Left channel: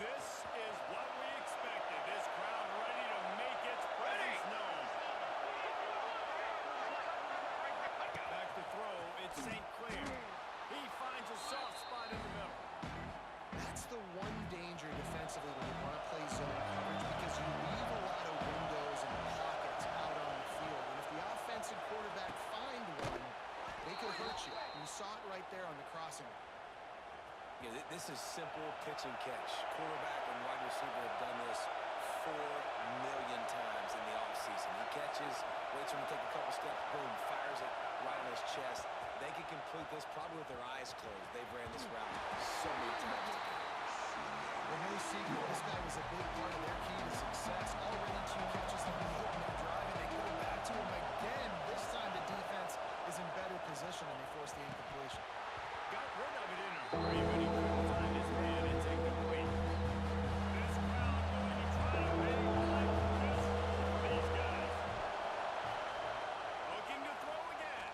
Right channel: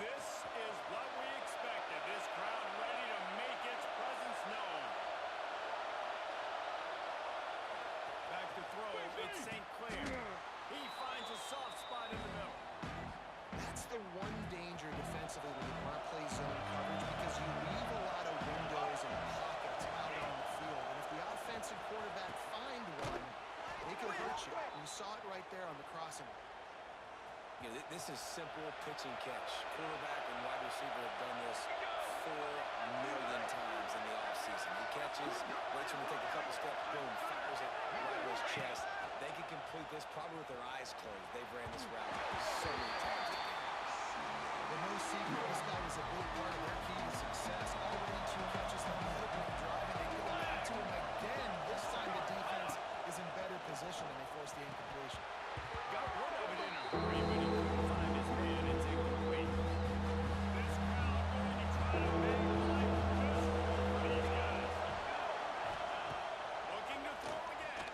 This is what we expected. This crowd ready to make its presence known. Back to throw, it's St. Clair. He finds a soft spot in the middle. That's the one danger defensively when you want to play zone coverage, because you leave a lot of windows and pockets out on the field. And if the offensive quarterback find one, they could hurt you. You saw it right there on the crossing. Yeah, this is simple pitch and catch. Quarterback and wide receiver have done this 4 million times in the offseason. He catches, waits for him to take a couple steps, boom, fires it right on his chest. They can complete this probably with their eyes closed. They've ran this route so many times today. Well, no secret, this guy was a big part of their key to success. Already 2 catches on the opening drive, and they go back to him again. This time the defense is in better position, and they force the incompletion. Got rid of it in a hurry, but he couldn't find his man. It's incomplete. This crowd going to try to make life miserable for these guys. Looking to throw again.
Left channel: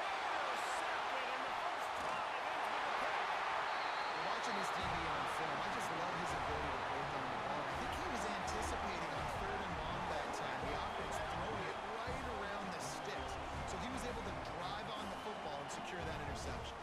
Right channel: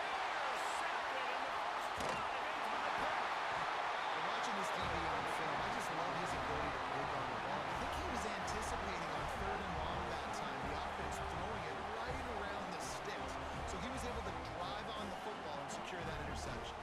Intercepted, and the first drive ends with a pick. Well, watching this DB on film, I just love his ability to break on the ball. And I think he was anticipating on 3rd and long that time, the offense throwing it right around the sticks. So he was able to drive on the football and secure that interception.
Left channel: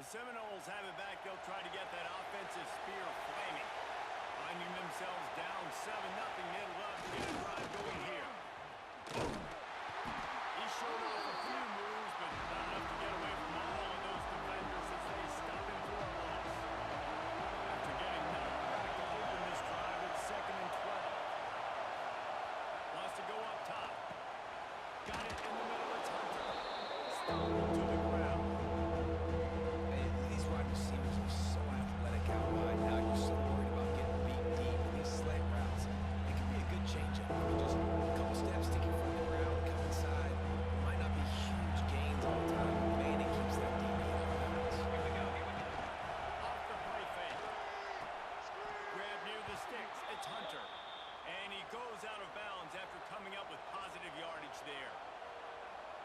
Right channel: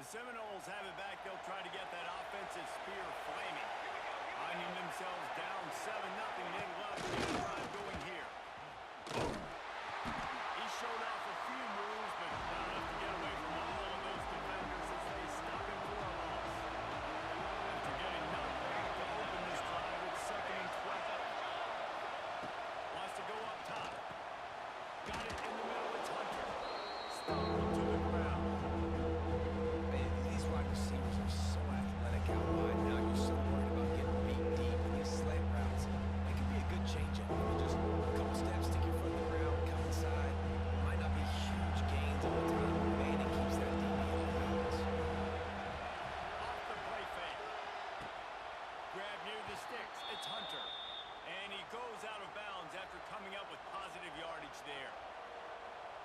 The Seminoles have it back. They'll try to get that offensive spear flaming. Finding themselves down 7-0. They'd love to get a drive going here. He showed off a few moves, but not enough to get away from all of those defenders as they stop him for a loss. After getting knocked back to open this drive, it's 2nd and 12. Wants to go up top. Got it in the middle. It's Hunter. Stumbled to the ground. These wide receivers are so athletic out wide. Now you're so worried about getting beat deep in these slant routes. It can be a good changeup. I mean, just a couple steps, stick your foot in the ground, come inside. It might not be huge gains all the time, but man, it keeps that DB off balance. Here we go. Off the play fake. Grab near the sticks. It's Hunter. And he goes out of bounds after coming up with positive yardage there.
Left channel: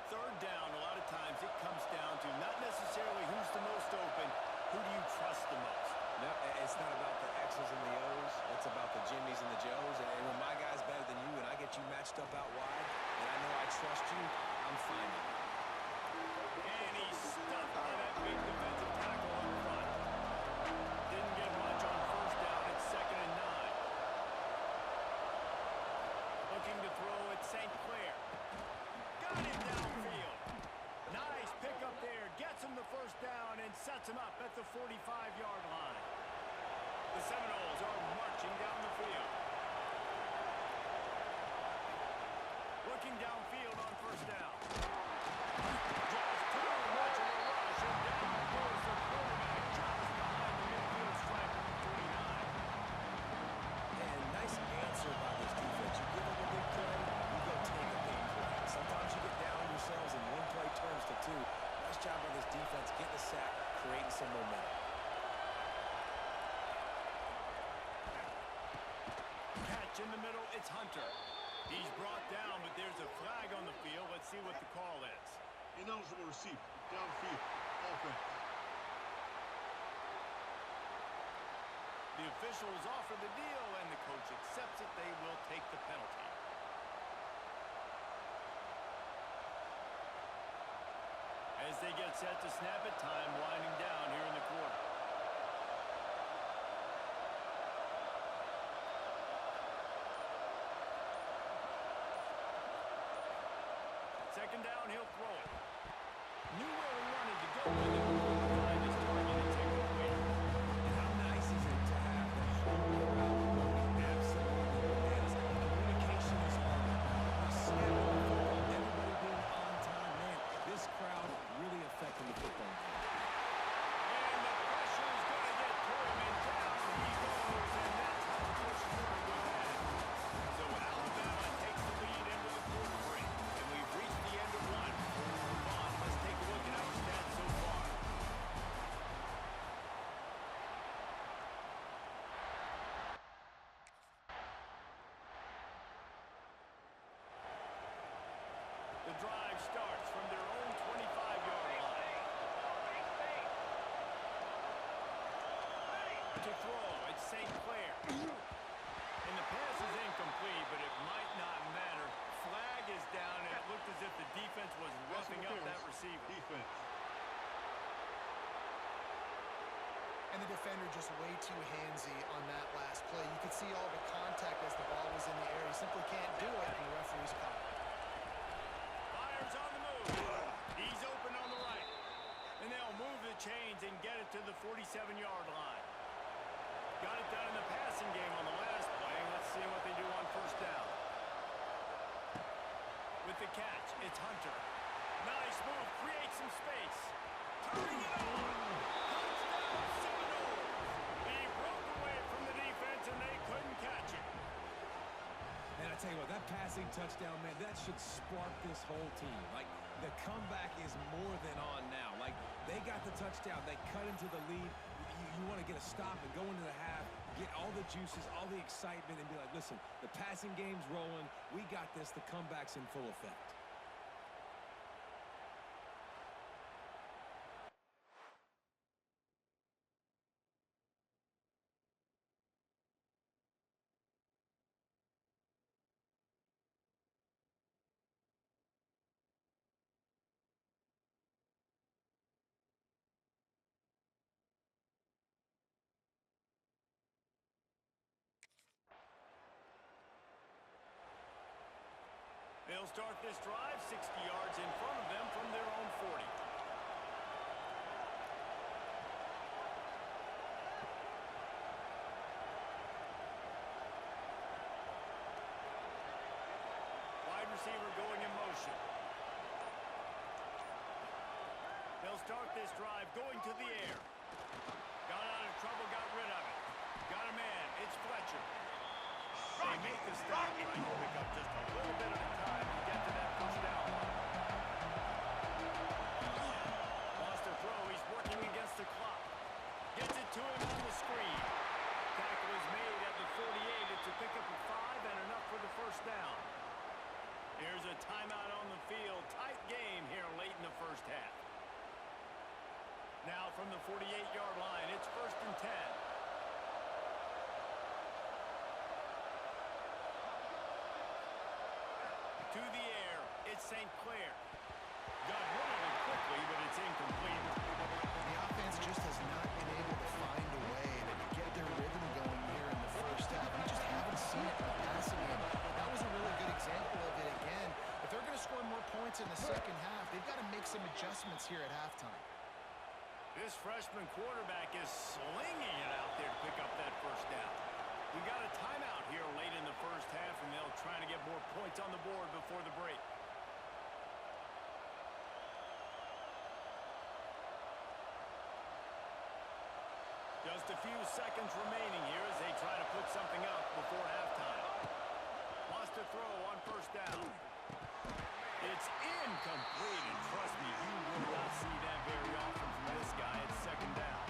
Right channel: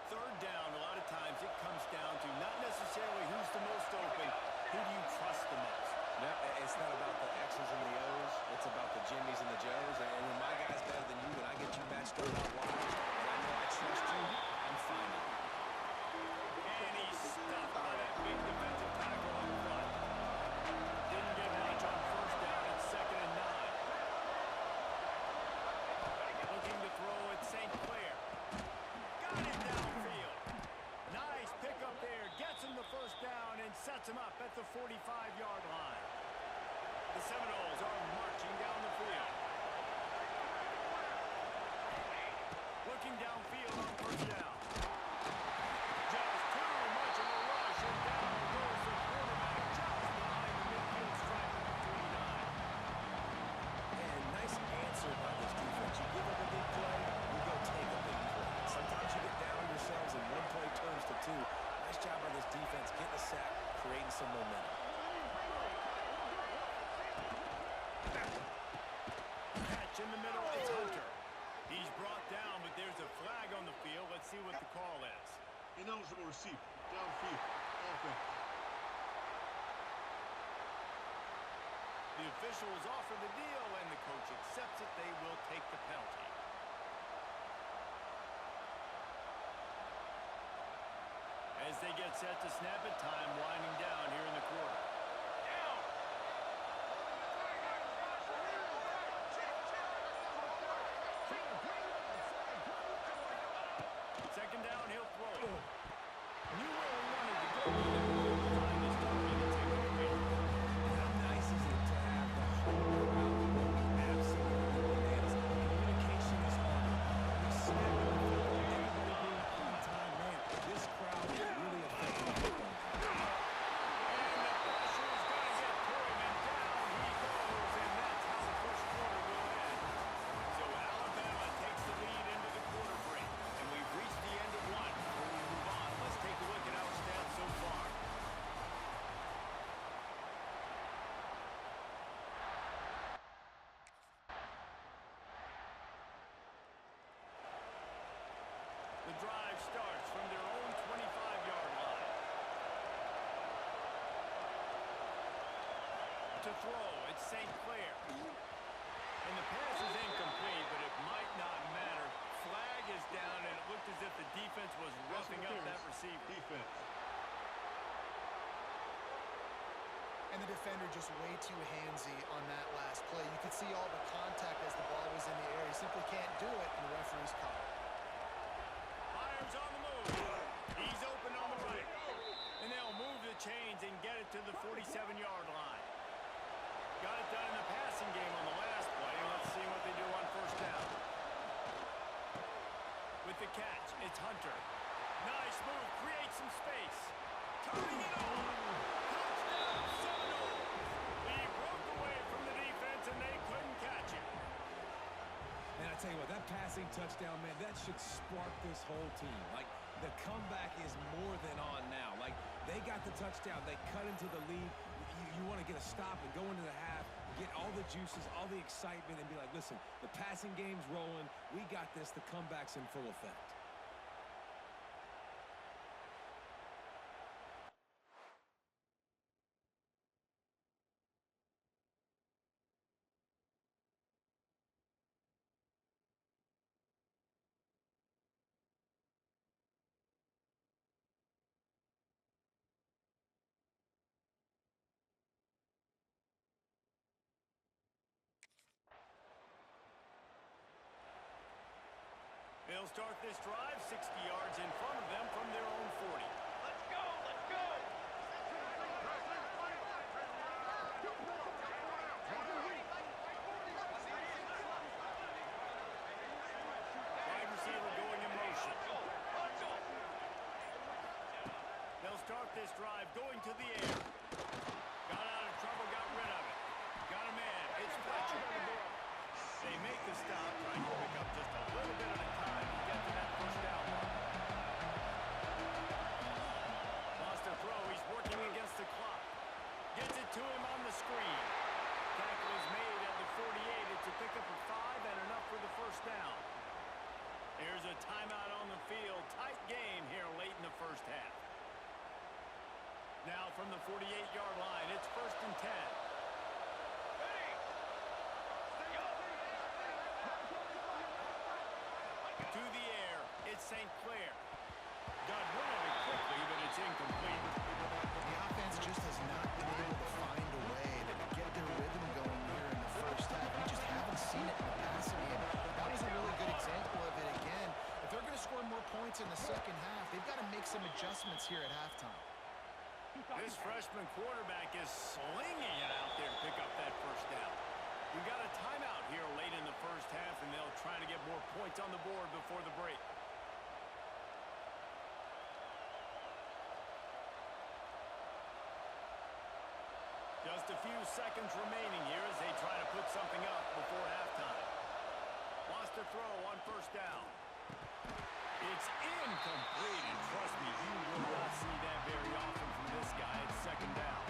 3rd down, a lot of times it comes down to not necessarily who's the most open, who do you trust the most? No, it's not about the X's and the O's. It's about the Jimmies and the Joes. And when my guy's better than you and I get you matched up out wide, and I know I trust you, I'm finding you. And he's stuffed by that big defensive tackle up front. Didn't get much on 1st down. It's 2nd and 9. Looking to throw at St. Clair. Got it downfield. Nice pickup there. Gets him the 1st down and sets him up at the 45-yard line. The Seminoles are marching down the field. Looking downfield on 1st down. Just too much of a rush, and down goes the quarterback just behind the midfield stripe at the 49. And nice answer by this defense. You give up a big play, you go take a big play. Sometimes you get down yourselves and one play turns to 2. Nice job by this defense getting a sack, creating some momentum. Catch in the middle, it's Hunter. He's brought down, but there's a flag on the field. Let's see what the call is. Ineligible receiver, downfield, offense. The officials offer the deal, and the coach accepts it. They will take the penalty. As they get set to snap it, time winding down here in the quarter. Second down, he'll throw it. Knew where he wanted to go with it, but couldn't find his target. It's incomplete. And how nice is it to have the whole crowd going absolutely bananas? Communication is harder. We snap the football, everybody being on time. Man, this crowd really affecting the football. And the pressure is going to get to him, and down he goes, and that's how the first quarter will end. So Alabama takes the lead into the quarter break, and we've reached the end of one. Before we move on, let's take a look at our stats so far. To throw, it's St. Clair. And the pass is incomplete, but it might not matter. Flag is down, and it looked as if the defense was roughing up that receiver. Defense. And the defender just way too handsy on that last play. You could see all the contact as the ball was in the air. He simply can't do it, and the referee's caught it. Fires on the move. He's open on the right. And they'll move the chains and get it to the 47-yard line. Got it done in the passing game on the last play. Let's see what they do on first down. With the catch, it's Hunter. Nice move, creates some space. Turning it on. Touchdown Seminoles. He broke away from the defense and they couldn't catch it. And I tell you what, that passing touchdown, man, that should spark this whole team. Like, the comeback is more than on now. Like, they got the touchdown. They cut into the lead. You want to get a stop and go into the half, get all the juices, all the excitement, and be like, listen, the passing game's rolling. We got this. The comeback's in full effect. They'll start this drive 60 yards in front of them from their own 40. Wide receiver going in motion. They'll start this drive going to the air. Got out of trouble, got rid of it. Got a man, it's Fletcher. They make the stop, trying to pick up just a little bit at a time to get to that first down line. Wants to throw, he's working against the clock. Gets it to him on the screen. Tackle is made at the 48. It's a pickup of 5 and enough for the first down. Here's a timeout on the field. Tight game here late in the first half. Now from the 48-yard line, it's 1st and 10. To the air, it's St. Clair. Got rid of it quickly, but it's incomplete. The offense just has not been able to find a way to get their rhythm going here in the first half. We just haven't seen it in the passing game. That was a really good example of it again. If they're going to score more points in the second half, they've got to make some adjustments here at halftime. This freshman quarterback is slinging it out there to pick up that first down. We got a timeout here late in the first half, and they'll try to get more points on the board before the break. Just a few seconds remaining here as they try to put something up before halftime. Wants to throw on first down. It's incomplete, and trust me, you will not see that very often from this guy. It's second down.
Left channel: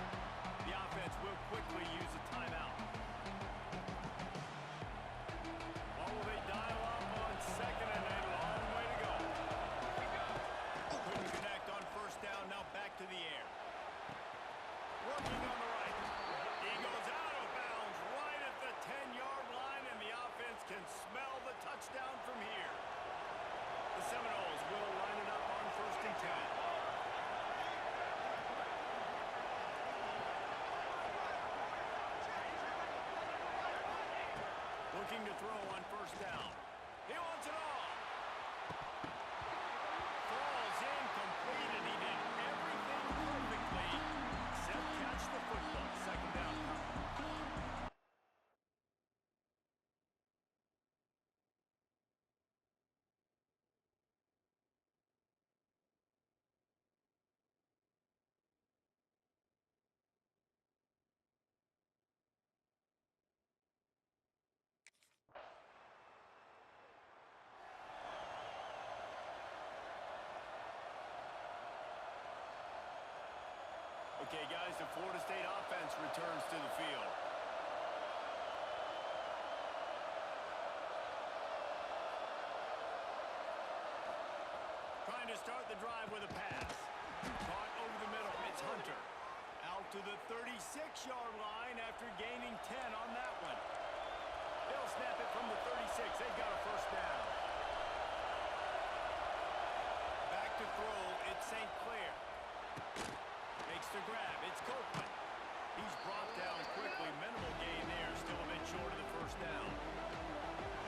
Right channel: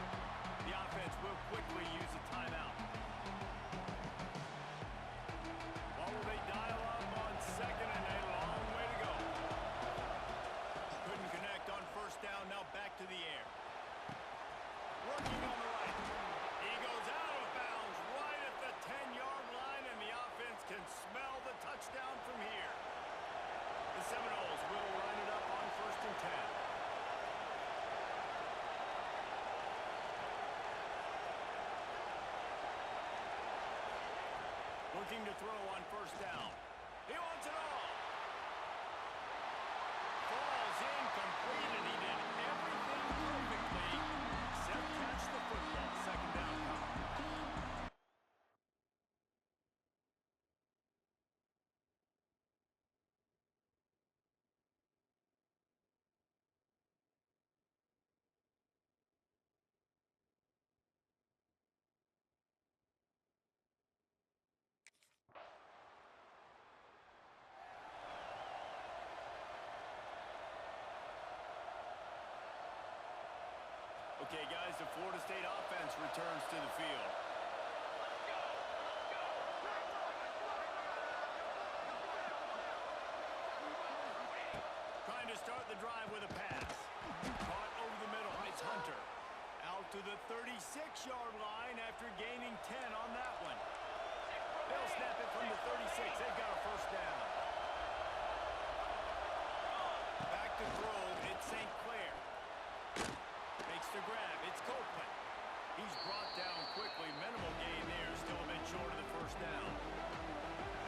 The offense will quickly use a timeout. What will they dial up on second, and a long way to go. Couldn't connect on first down, now back to the air. Working on the right. He goes out of bounds right at the 10-yard line, and the offense can smell the touchdown from here. The Seminoles will line it up on 1st and 10. Looking to throw on first down. He wants it all. Falls incomplete, and he did everything perfectly except catch the football. Second down coming. Okay, guys, the Florida State offense returns to the field. Trying to start the drive with a pass. Caught over the middle. It's Hunter. Out to the 36-yard line after gaining 10 on that one. They'll snap it from the 36. They've got a first down. Back to throw, it's St. Clair. Makes the grab, it's Copeland. He's brought down quickly. Minimal gain there, still a bit short of the first down.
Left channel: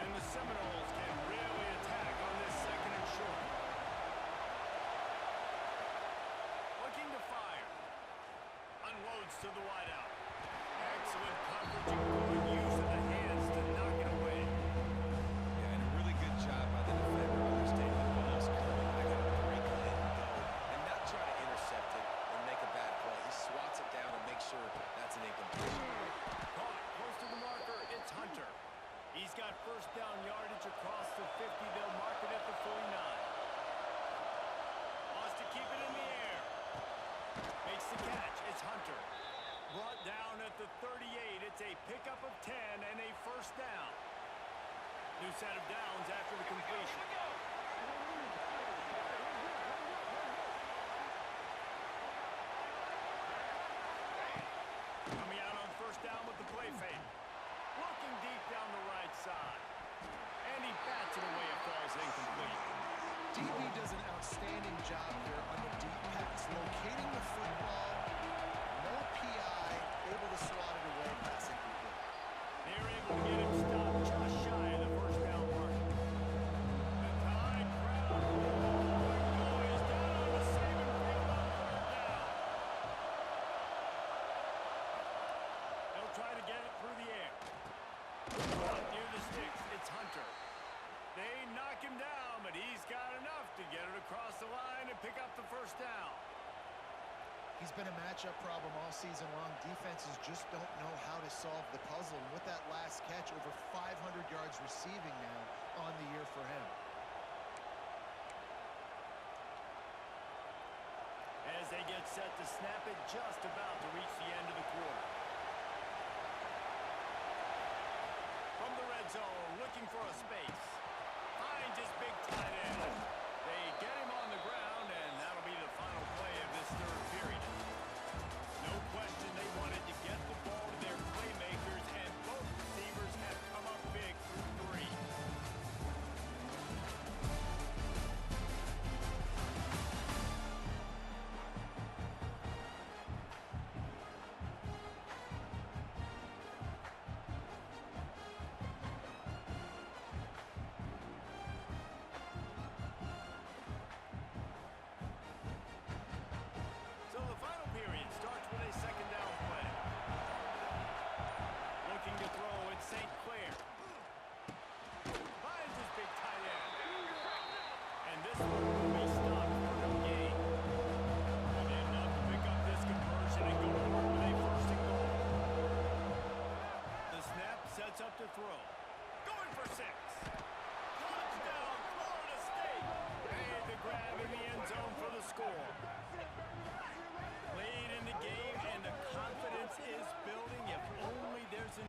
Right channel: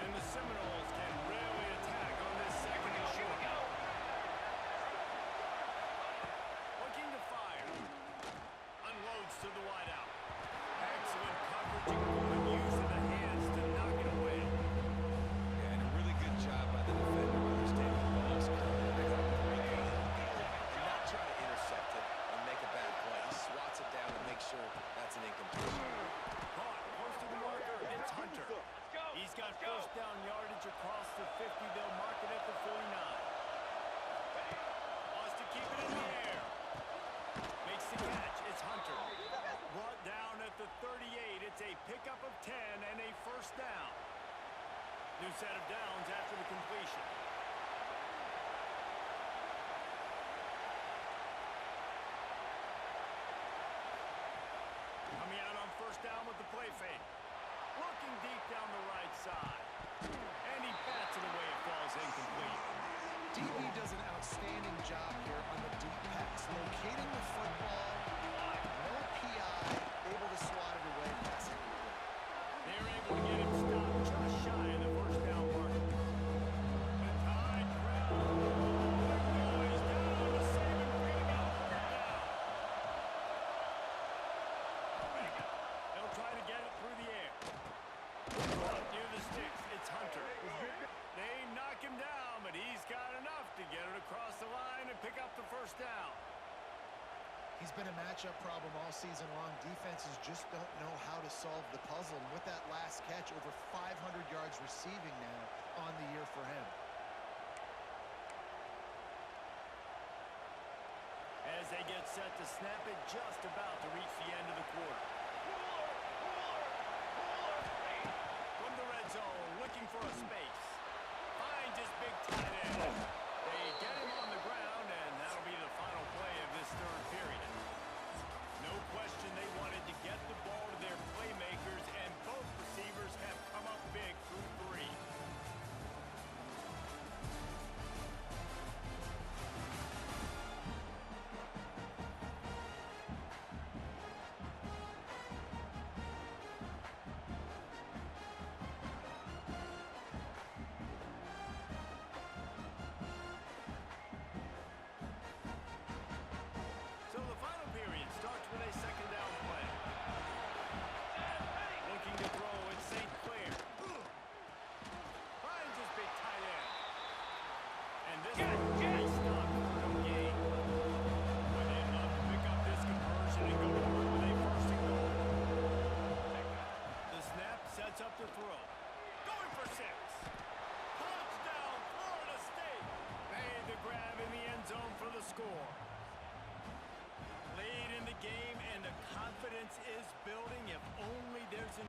And the Seminoles can really attack on this second and short. Looking to fire. Unloads to the wideout. Excellent coverage and good use of the hands to knock it away. Yeah, and a really good job by the defender understanding the ball's coming. I got to break it and go and not try to intercept it and make a bad play. He swats it down and makes sure that's an incompletion. Caught close to the marker, it's Hunter. He's got first down yardage across the 50. They'll mark it at the 49. Wants to keep it in the air. Makes the catch. It's Hunter. Brought down at the 38. It's a pickup of 10 and a first down. New set of downs after the completion. Coming out on first down with the play fake. Looking deep down the right side. And he bats it away. It falls incomplete. DB does an outstanding job here on the deep pass. Locating the football, no PI, able to swat it away, pass incomplete. They're able to get him stopped just shy of the first down mark. The Tide crowd rolling noise down on the Saban field on third down. They'll try to get it through the air. Caught near the sticks, it's Hunter. They knock him down, but he's got enough to get it across the line and pick up the first down. He's been a matchup problem all season long. Defenses just don't know how to solve the puzzle. And with that last catch, over 500 yards receiving now on the year for him. As they get set to snap it, just about to reach the end of the quarter. From the red zone, looking for a space. Finds his big tight end. They get him on the ground, and that'll be the final play of this third period. No question they wanted to get the ball to their playmakers, and both receivers have come up big through three. So the final period starts with a second down play. Looking to throw, it's St. Clair. Finds his big tight end. And this one will be stopped for no gain. But they'd love to pick up this conversion and go to work with a first and goal. The snap sets up to throw. Going for 6. Touchdown, Florida State. Made the grab in the end zone for the score. Lead in the game, and the confidence is building. If only there's an...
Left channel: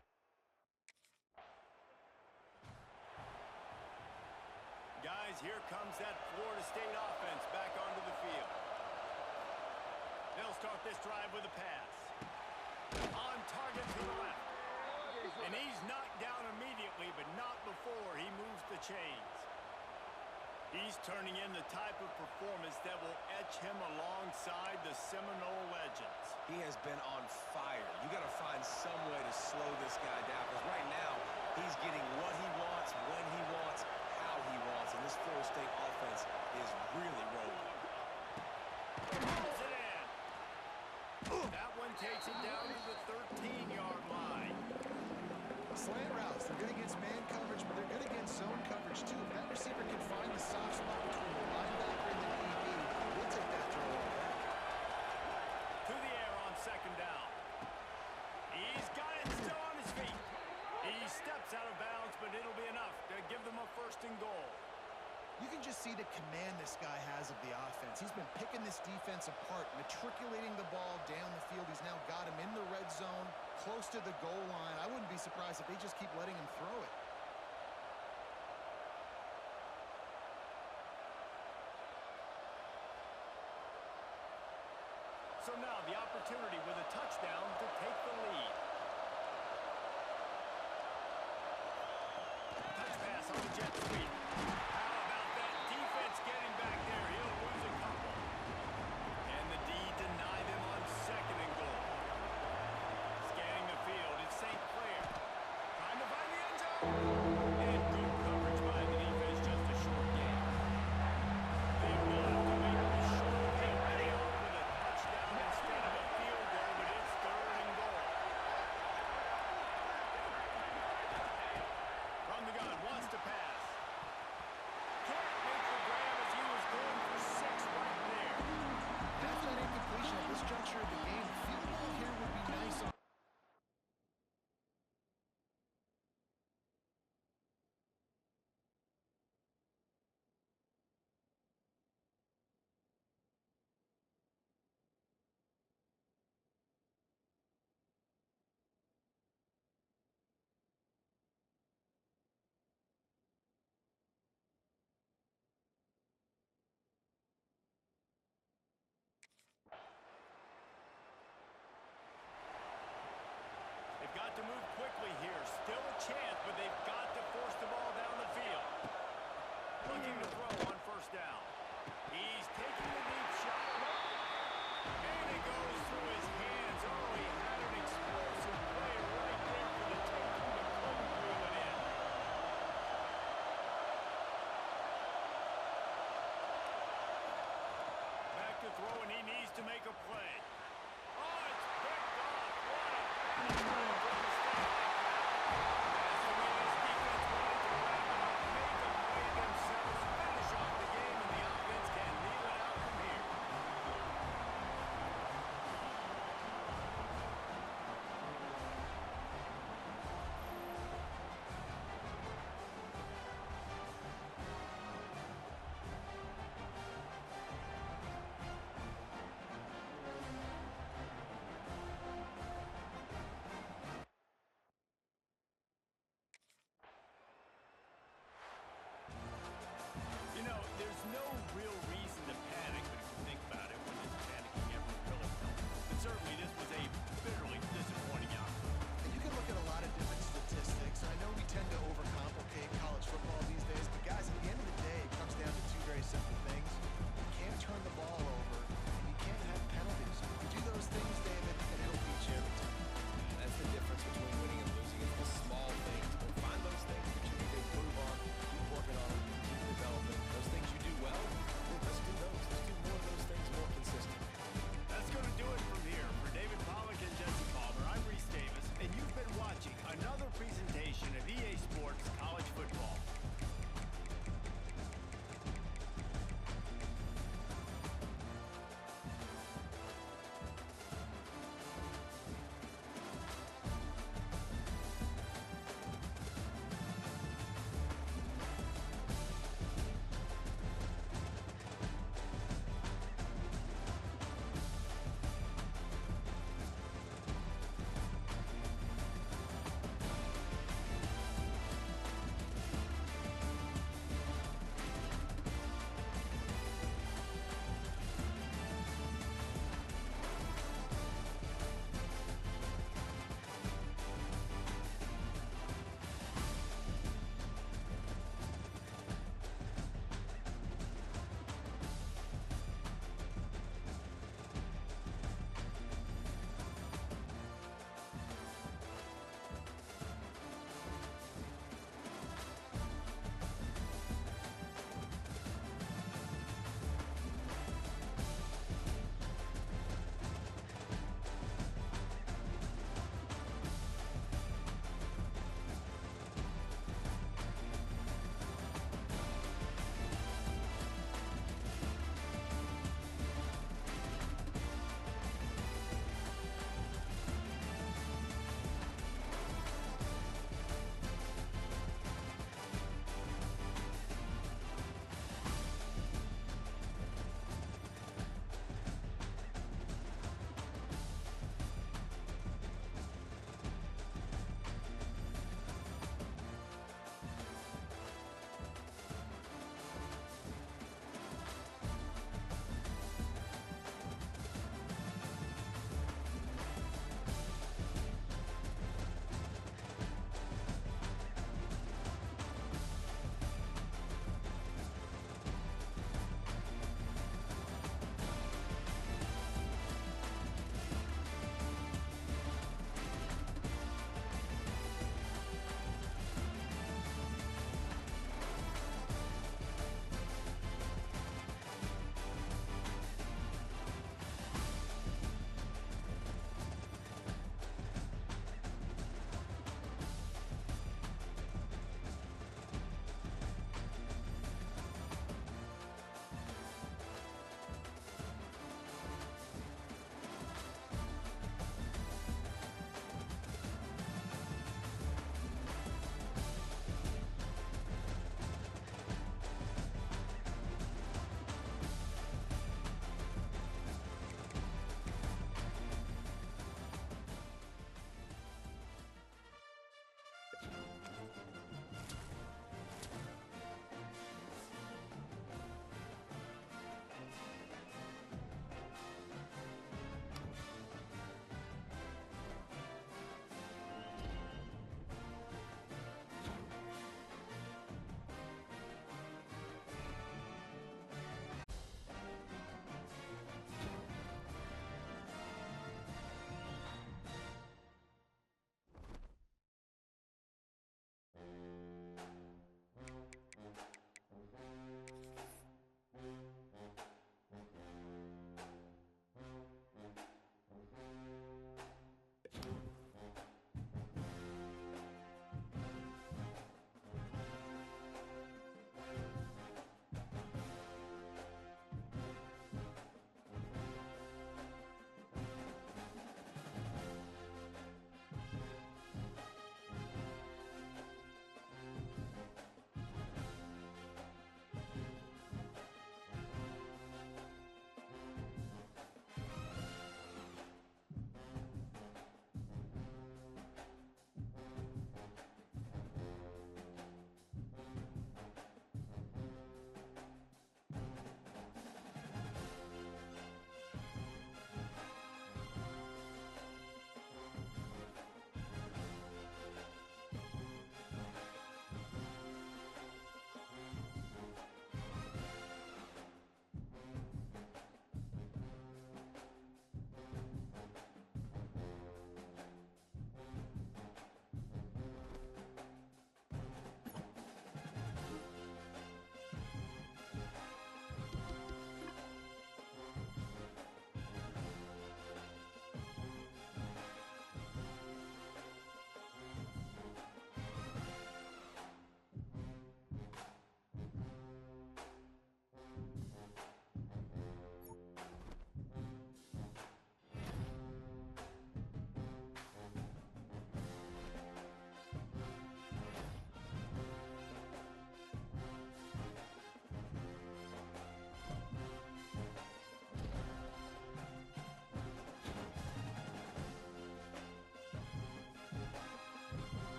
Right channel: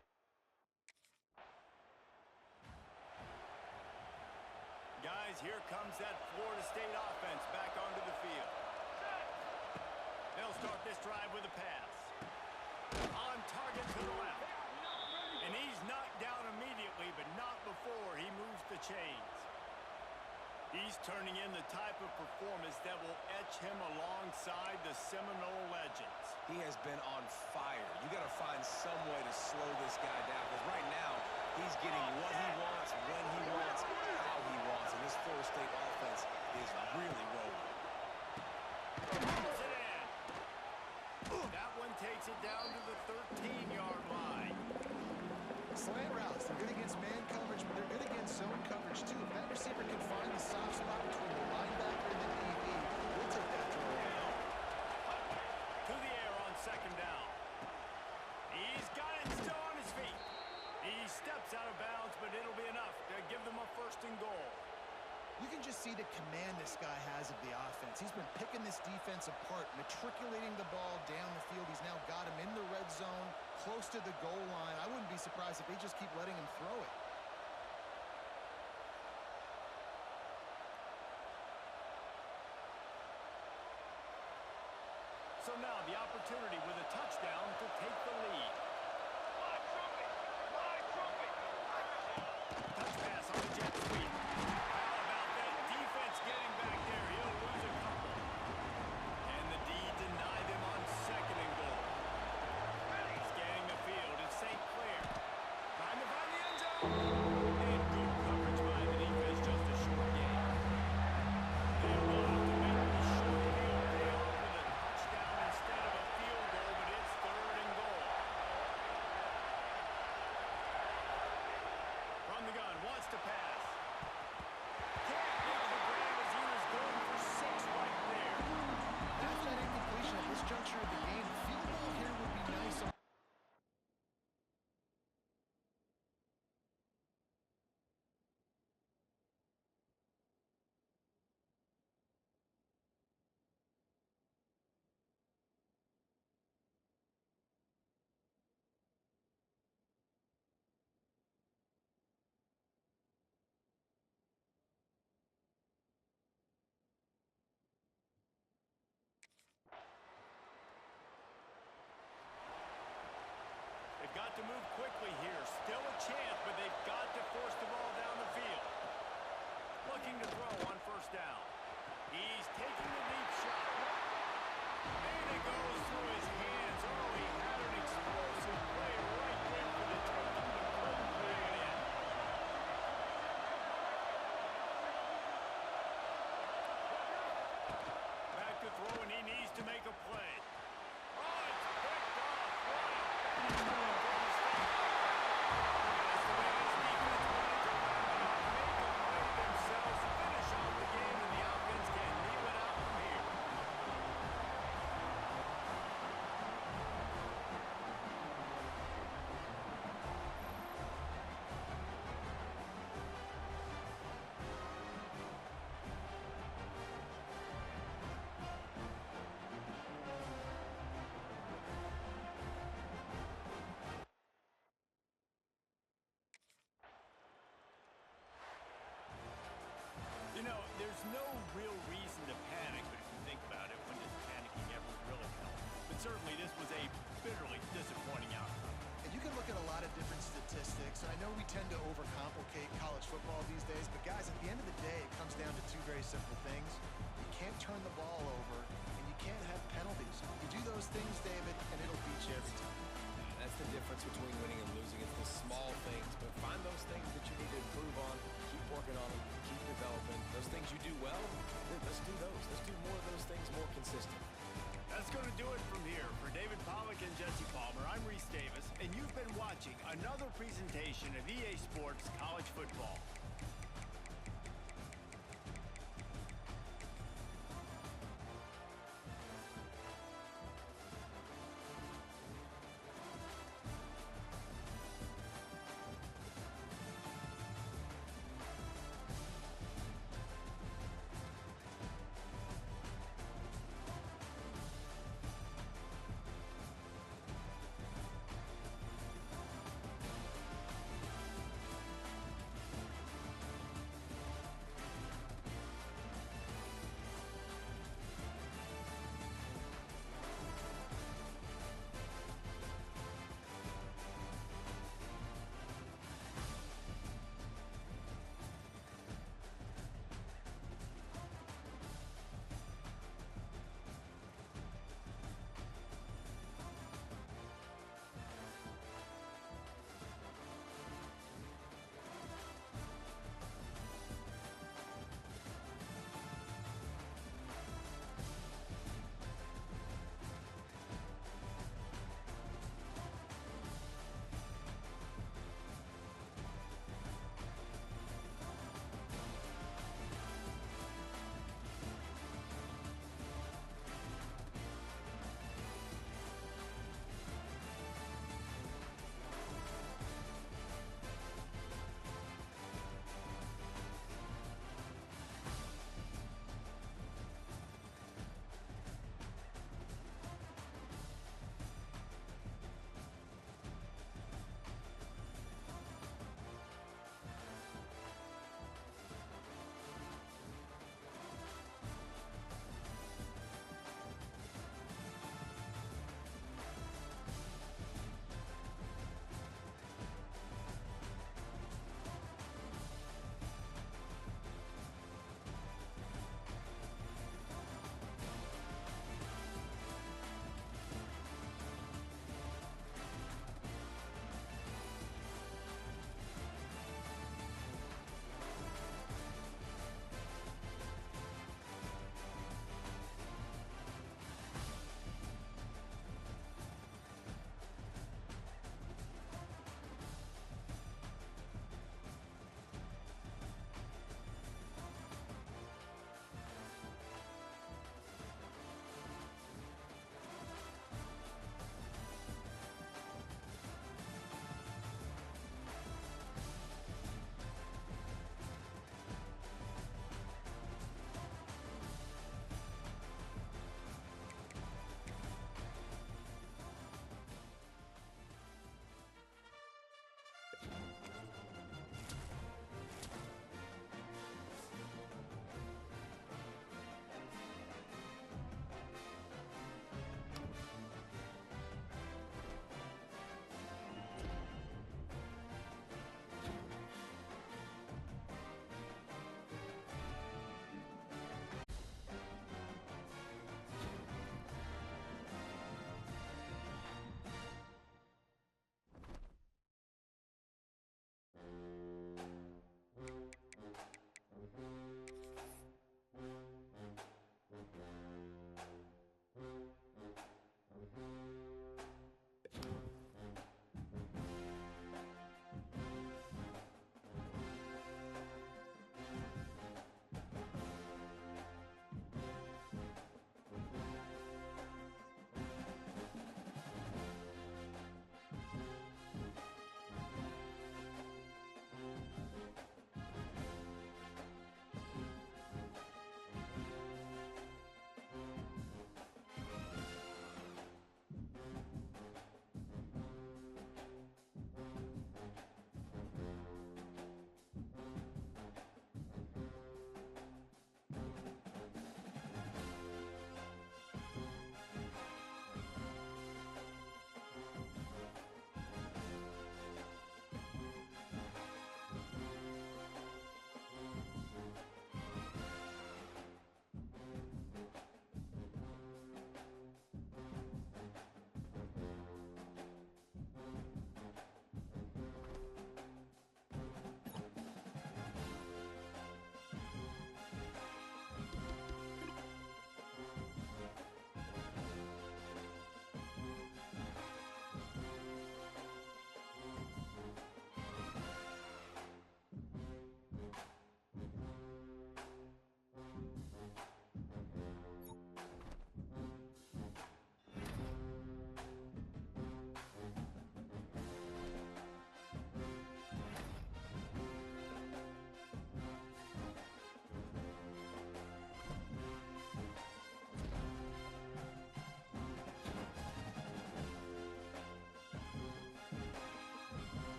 Guys, here comes that Florida State offense back onto the field. They'll start this drive with a pass. On target to the left. And he's knocked down immediately, but not before he moves the chains. He's turning in the type of performance that will etch him alongside the Seminole legends. He has been on fire. You got to find some way to slow this guy down, because right now he's getting what he wants, when he wants, how he wants, and this Florida State offense is really rolling. Pulls it in. That one takes it down to the 13-yard line. Slant routes, they're good against man coverage, but they're good against zone coverage too. If that receiver can find the soft spot between the linebacker and the DB, we'll take that throw all day. To the air on second down. He's got it still on his feet. He steps out of bounds, but it'll be enough to give them a first and goal. You can just see the command this guy has of the offense. He's been picking this defense apart, matriculating the ball down the field. He's now got him in the red zone, close to the goal line. I wouldn't be surprised if they just keep letting him throw it. So now the opportunity with a touchdown to take the lead. Touch pass on the jet sweep. How about that defense getting back there? He'll lose a couple. And the D deny them on 2nd and goal. Scanning the field, it's St. Clair. Trying to find the end zone. And good coverage by the defense, just a short game. They will have to make this short field pay off with a touchdown instead of a field goal, but it's 3rd and goal. From the gun, wants to pass. Can't make the grab as he was going for 6 right there. That's that incompletion at this juncture of the game. Field goal here would be nice on. They've got to move quickly here. Still a chance, but they've got to force the ball down the field. Looking to throw on 1st down. He's taking the deep shot. And it goes through his hands. Oh, he had an explosive play right there for the taking, but couldn't reel it in. Back to throw, and he needs to make a play. Oh, it's picked off. What a bad time for a mistake like that. That's the way this defense wanted to wrap it up. Make a play themselves, finish off the game, and the offense can kneel it out from here.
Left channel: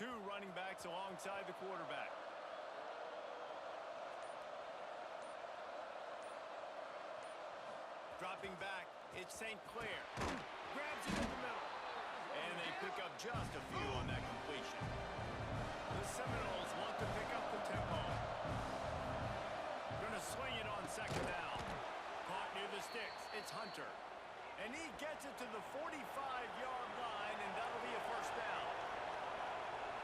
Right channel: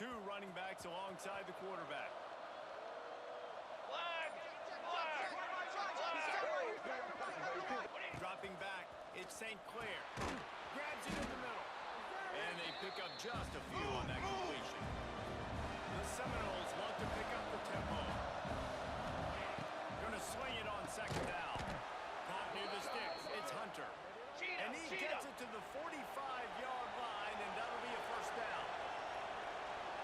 two running backs alongside the quarterback. Dropping back, it's St. Clair. Grabs it in the middle. And they pick up just a few on that completion. The Seminoles want to pick up the tempo. Gonna swing it on second down. Caught near the sticks, it's Hunter. And he gets it to the 45-yard line, and that'll be a first down.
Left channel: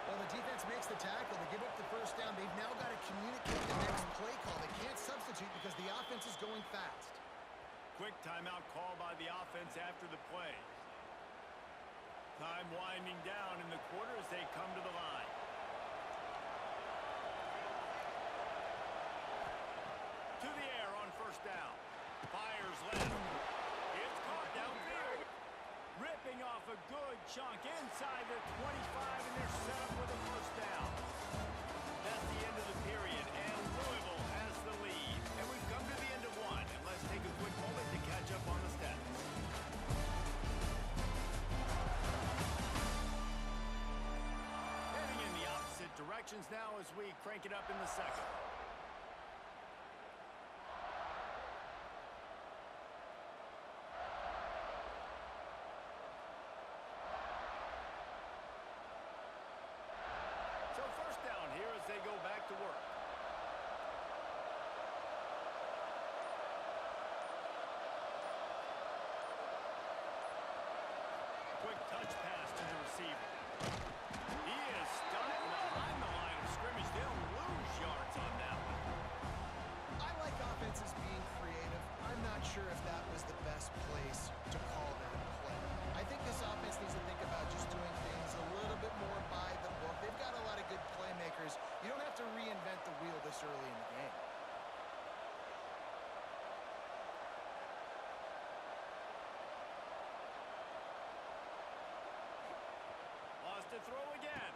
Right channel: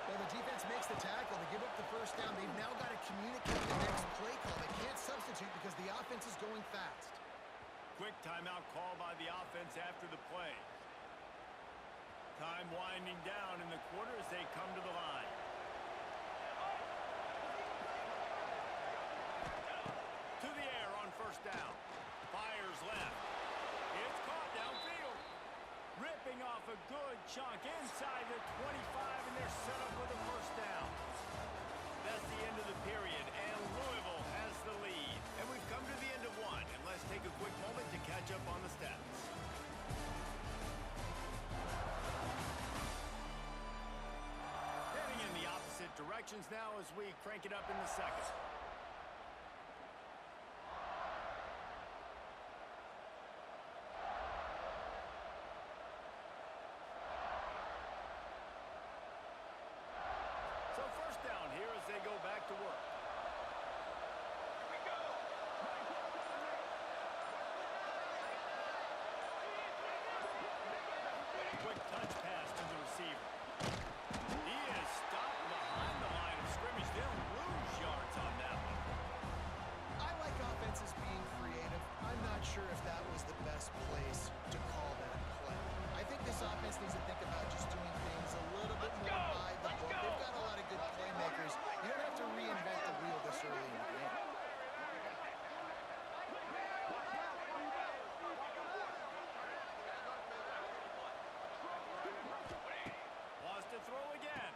Well, the defense makes the tackle. They give up the first down. They've now got to communicate the next play call. They can't substitute because the offense is going fast. Quick timeout call by the offense after the play. Time winding down in the quarter as they come to the line. To the air on first down. Fires left. It's caught downfield. Ripping off a good chunk inside the 25, and they're set up with a first down. That's the end of the period, and Louisville has the lead. And we've come to the end of one, and let's take a quick moment to catch up on the stats. Heading in the opposite directions now as we crank it up in the second. So first down here as they go back to work. Quick touch pass to the receiver. He is stopped behind the line of scrimmage. They'll lose yards on that one. I like offenses being creative. I'm not sure if that was the best place to call that play. I think this offense needs to think about just doing things a little bit more by the book. They've got a lot of good playmakers. You don't have to reinvent the wheel this early in the game. Lost to throw again.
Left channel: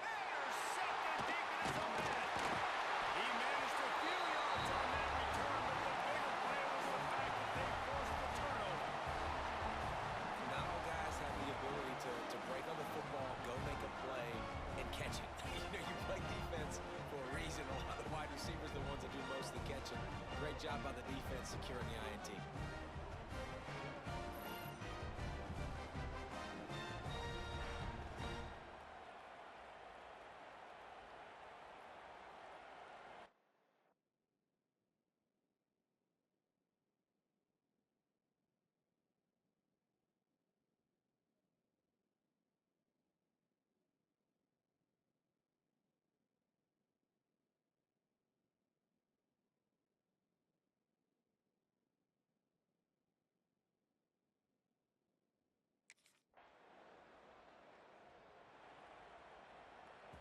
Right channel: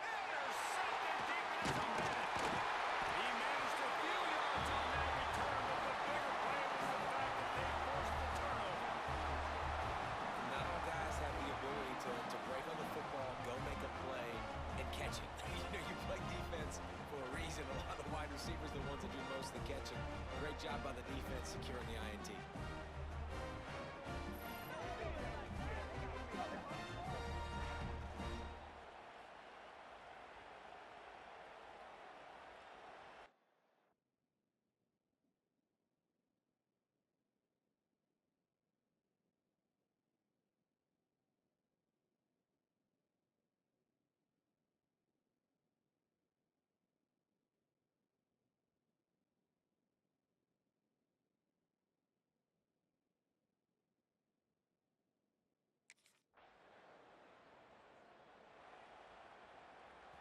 Intercepted deep in his own end. He managed a few yards on that return, but the bigger play was the fact that they forced the turnover. Not all guys have the ability to break on the football, go make a play, and catch it. You play defense for a reason. A lot of the wide receivers are the ones that do most of the catching. Great job by the defense securing the INT.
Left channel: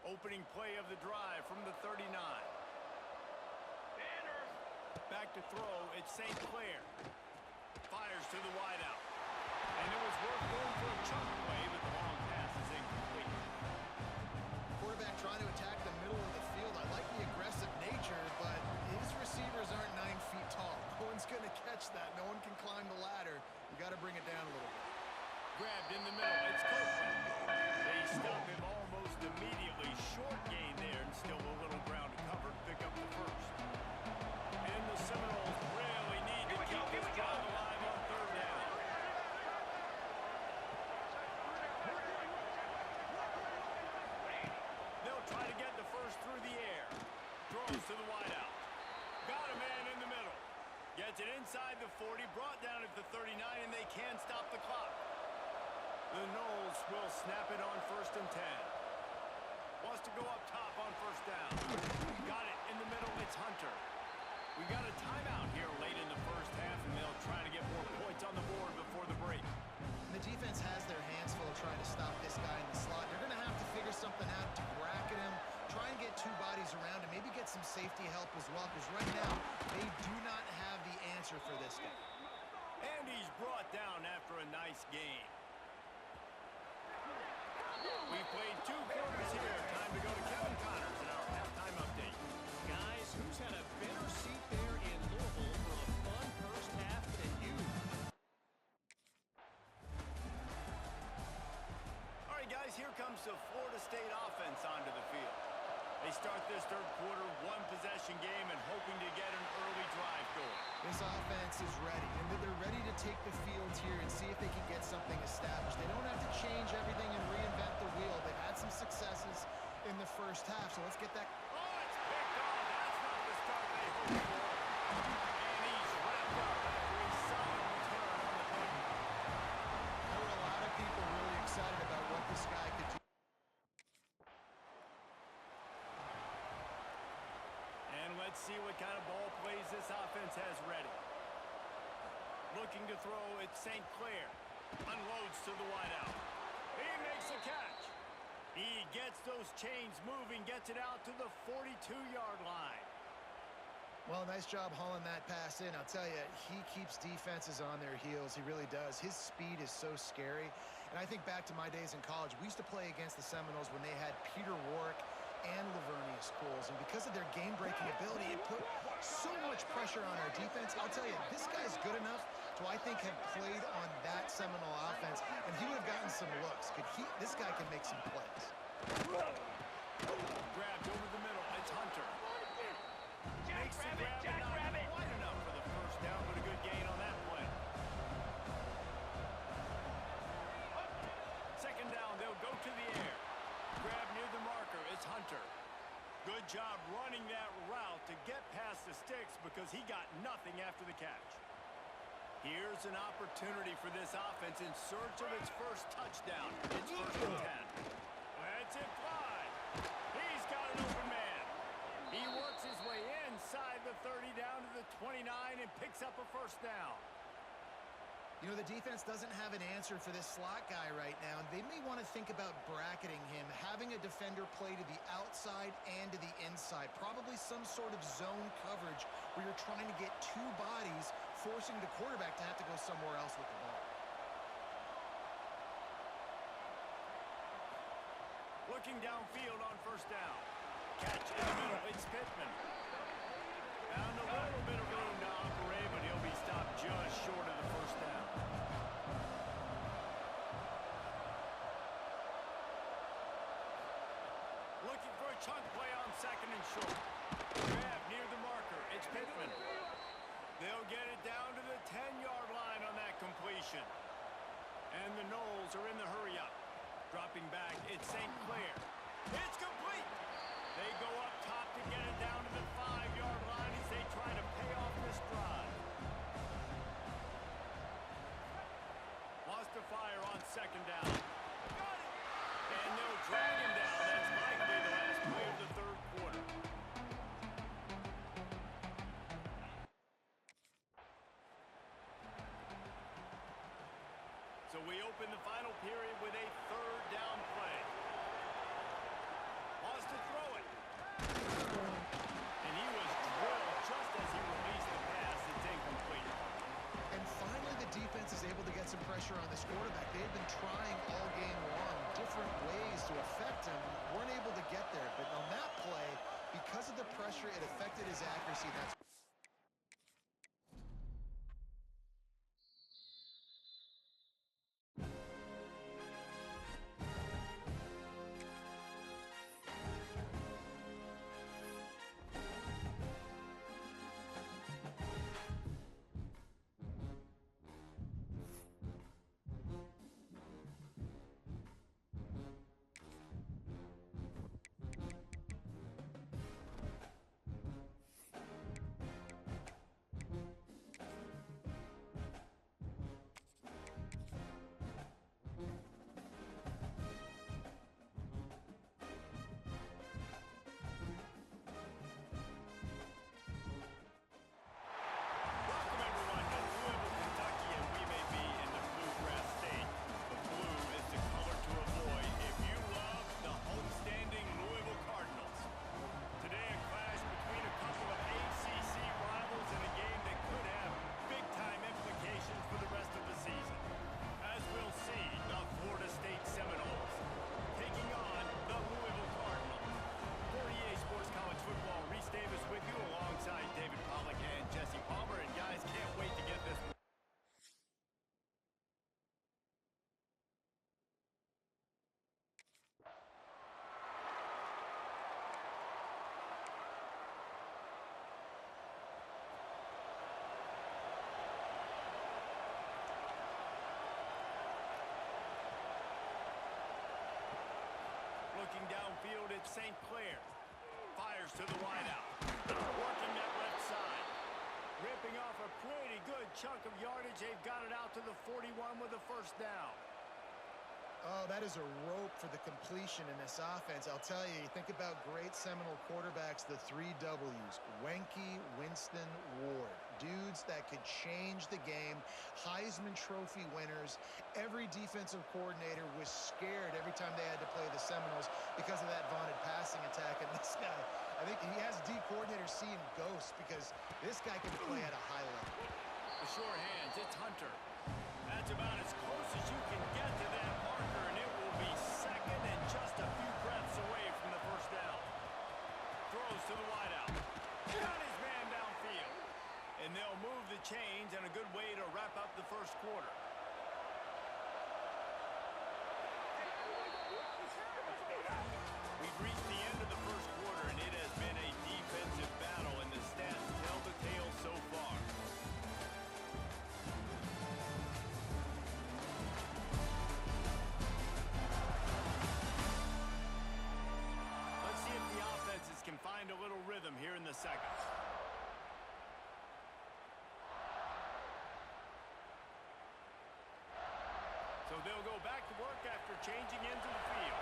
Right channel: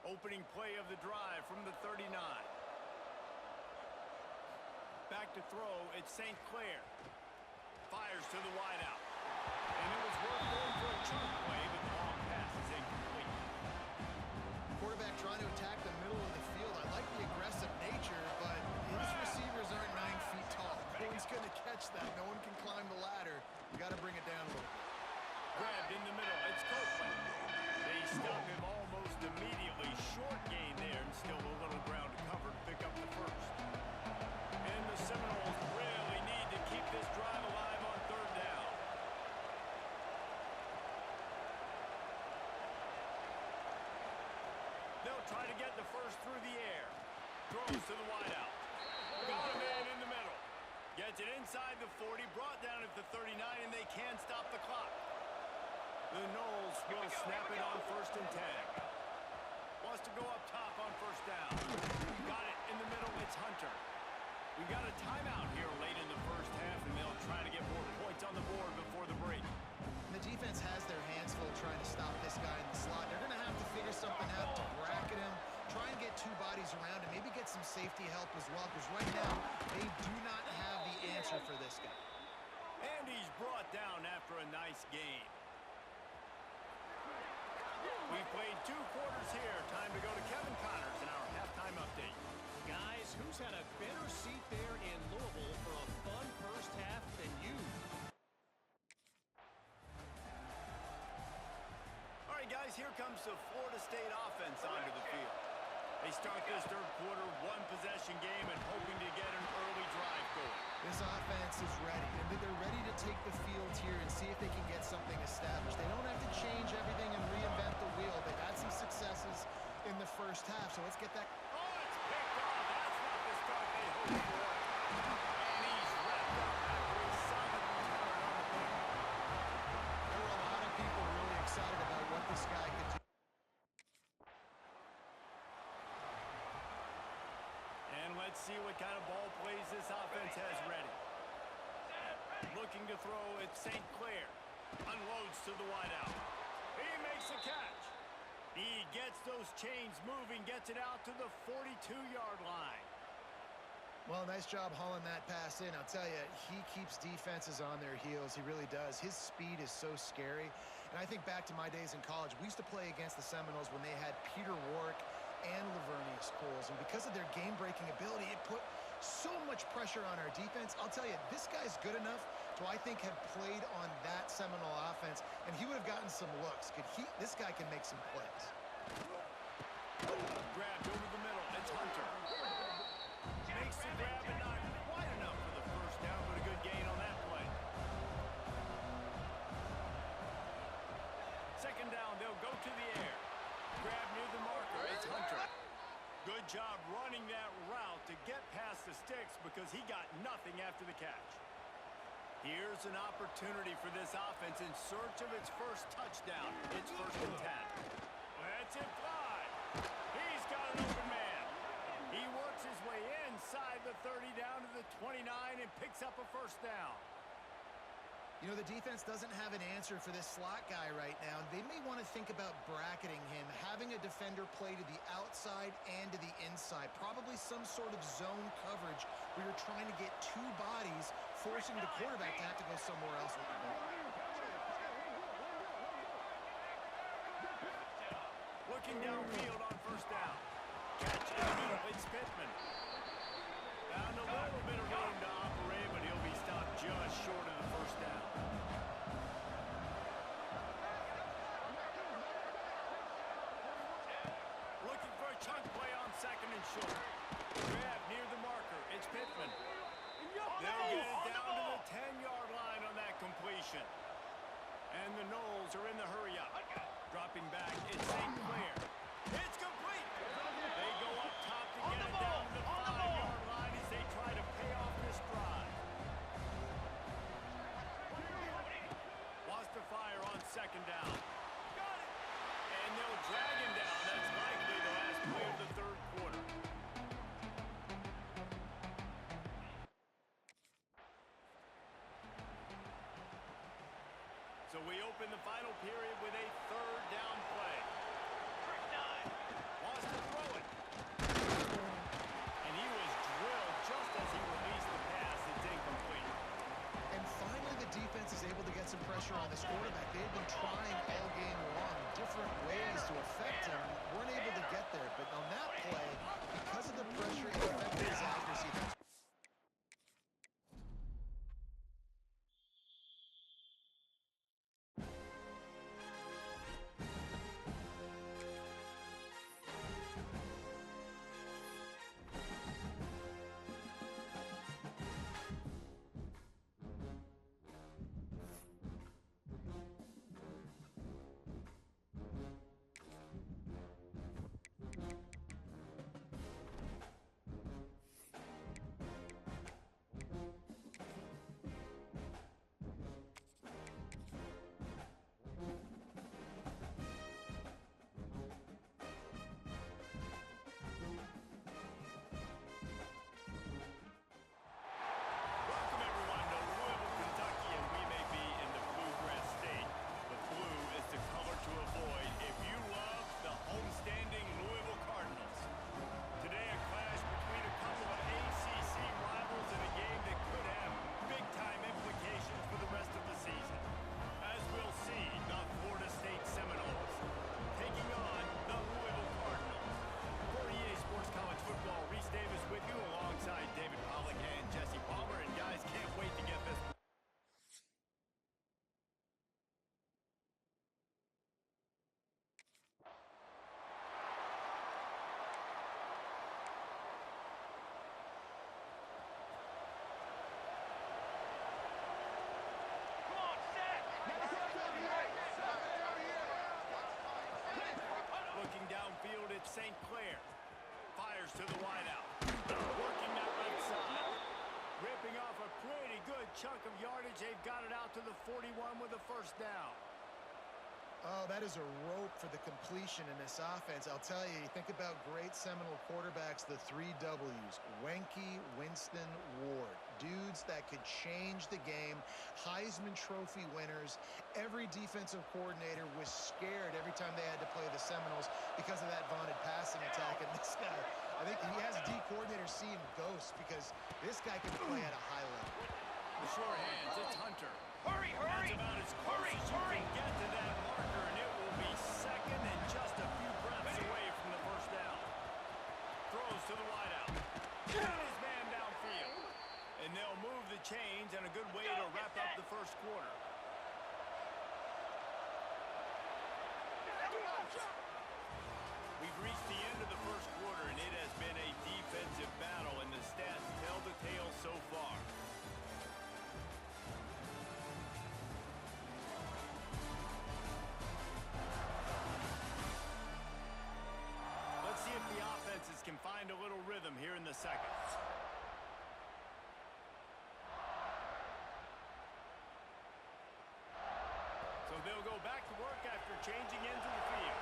Opening play of the drive from the 39. Back to throw, it's St. Clair. Fires to the wideout. And it was worth going for a chunk play, but the long pass is incomplete. Quarterback trying to attack the middle of the field. I like the aggressive nature, but his receivers aren't 9 feet tall. No one's going to catch that. No one can climb the ladder. You got to bring it down a little bit. Grabbed in the middle, it's Copeland. They stop him almost immediately. Short gain there, and still a little ground to cover to pick up the first. And the Seminoles really need to keep this drive alive on third down. They'll try to get the first through the air. Throws to the wideout. Got a man in the middle. Gets it inside the 40, brought down at the 39, and they can stop the clock. The Noles will snap it on 1st and 10. Wants to go up top on first down. Got it in the middle, it's Hunter. We got a timeout here late in the first half, and they'll try to get more points on the board before the break. And the defense has their hands full trying to stop this guy in the slot. They're going to have to figure something out to bracket him, try and get two bodies around him, maybe get some safety help as well, because right now they do not have the answer for this guy. And he's brought down after a nice game. We've played 2 quarters here. Time to go to Kevin Connors in our halftime update. Guys, who's had a better seat there in Louisville for a fun first half than you? All right, guys, here comes the Florida State offense onto the field. They start this third quarter one-possession game and hoping to get an early drive going. This offense is ready, and they're ready to take the field here and see if they can get something established. They don't have to change everything and reinvent the wheel. They've had some successes in the first half, so let's get that. Oh, it's picked off. That's not the start they hoped for. And he's wrapped up after a solid return on the pick. There were a lot of people really excited about what this guy could do. And let's see what kind of ball plays this offense has ready. Looking to throw at St. Clair. Unloads to the wideout. He makes a catch. He gets those chains moving, gets it out to the 42-yard line. Well, nice job hauling that pass in. I'll tell you, he keeps defenses on their heels. He really does. His speed is so scary. And I think back to my days in college. We used to play against the Seminoles when they had Peter Warrick and Lavernius Coles, and because of their game-breaking ability, it put so much pressure on our defense. I'll tell you, this guy's good enough to, I think, have played on that Seminole offense, and he would have gotten some looks. This guy can make some plays. Grabbed over the middle. It's Hunter. Makes the grab and not quite enough for the first down, but a good gain on that play. Second down, they'll go to the air. Grab near the marker. It's Hunter. Good job running that route to get past the sticks because he got nothing after the catch. Here's an opportunity for this offense in search of its first touchdown. It's 1st and 10. Lets it fly. He's got an open man. He works his way inside the 30 down to the 29 and picks up a first down. You know, the defense doesn't have an answer for this slot guy right now. They may want to think about bracketing him, having a defender play to the outside and to the inside. Probably some sort of zone coverage where you're trying to get two bodies, forcing the quarterback to have to go somewhere else with the ball. Looking downfield on first down. Catch in the middle. It's Pittman. Found a little bit of room to operate, but he'll be stopped just short of the first down. Looking for a chunk play on 2nd and short. Grab near the marker. It's Pittman. They'll get it down to the 10-yard line on that completion. And the Noles are in the hurry-up. Dropping back, it's St. Clair. It's complete. They go up top to get it down to the 5-yard line as they try to pay off this drive. Wants to fire on 2nd down. Got it. And they'll drag him down. That's likely the last play of the third quarter. So we open the final period with a 3rd down play. Wants to throw it. And he was drilled just as he released the pass. It's incomplete. And finally, the defense is able to get some pressure on this quarterback. They've been trying all game long different ways to affect him. Weren't able to get there. But on that play, because of the pressure, it affected his accuracy. That's downfield, it's St. Clair. Fires to the wideout. Working that left side. Ripping off a pretty good chunk of yardage. They've got it out to the 41 with a first down. Oh, that is a rope for the completion in this offense. I'll tell you, think about great Seminole quarterbacks, the 3 W's. Wenke, Winston, Ward. Dudes that could change the game. Heisman Trophy winners. Every defensive coordinator was scared every time they had to play the Seminoles because of that vaunted passing attack. And this guy, I think he has D coordinators seeing ghosts because this guy can play at a high level. The sure hands, it's Hunter. That's about as close as you can get to that marker, and it will be second and just a few breaths away from the first down. Throws to the wideout. Got his man downfield. And they'll move the chains, and a good way to wrap up the first quarter. We've reached the end of the first quarter, and it has been a defensive battle, and the stats tell the tale so far. Let's see if the offenses can find a little rhythm here in the second. So they'll go back to work after changing into the field.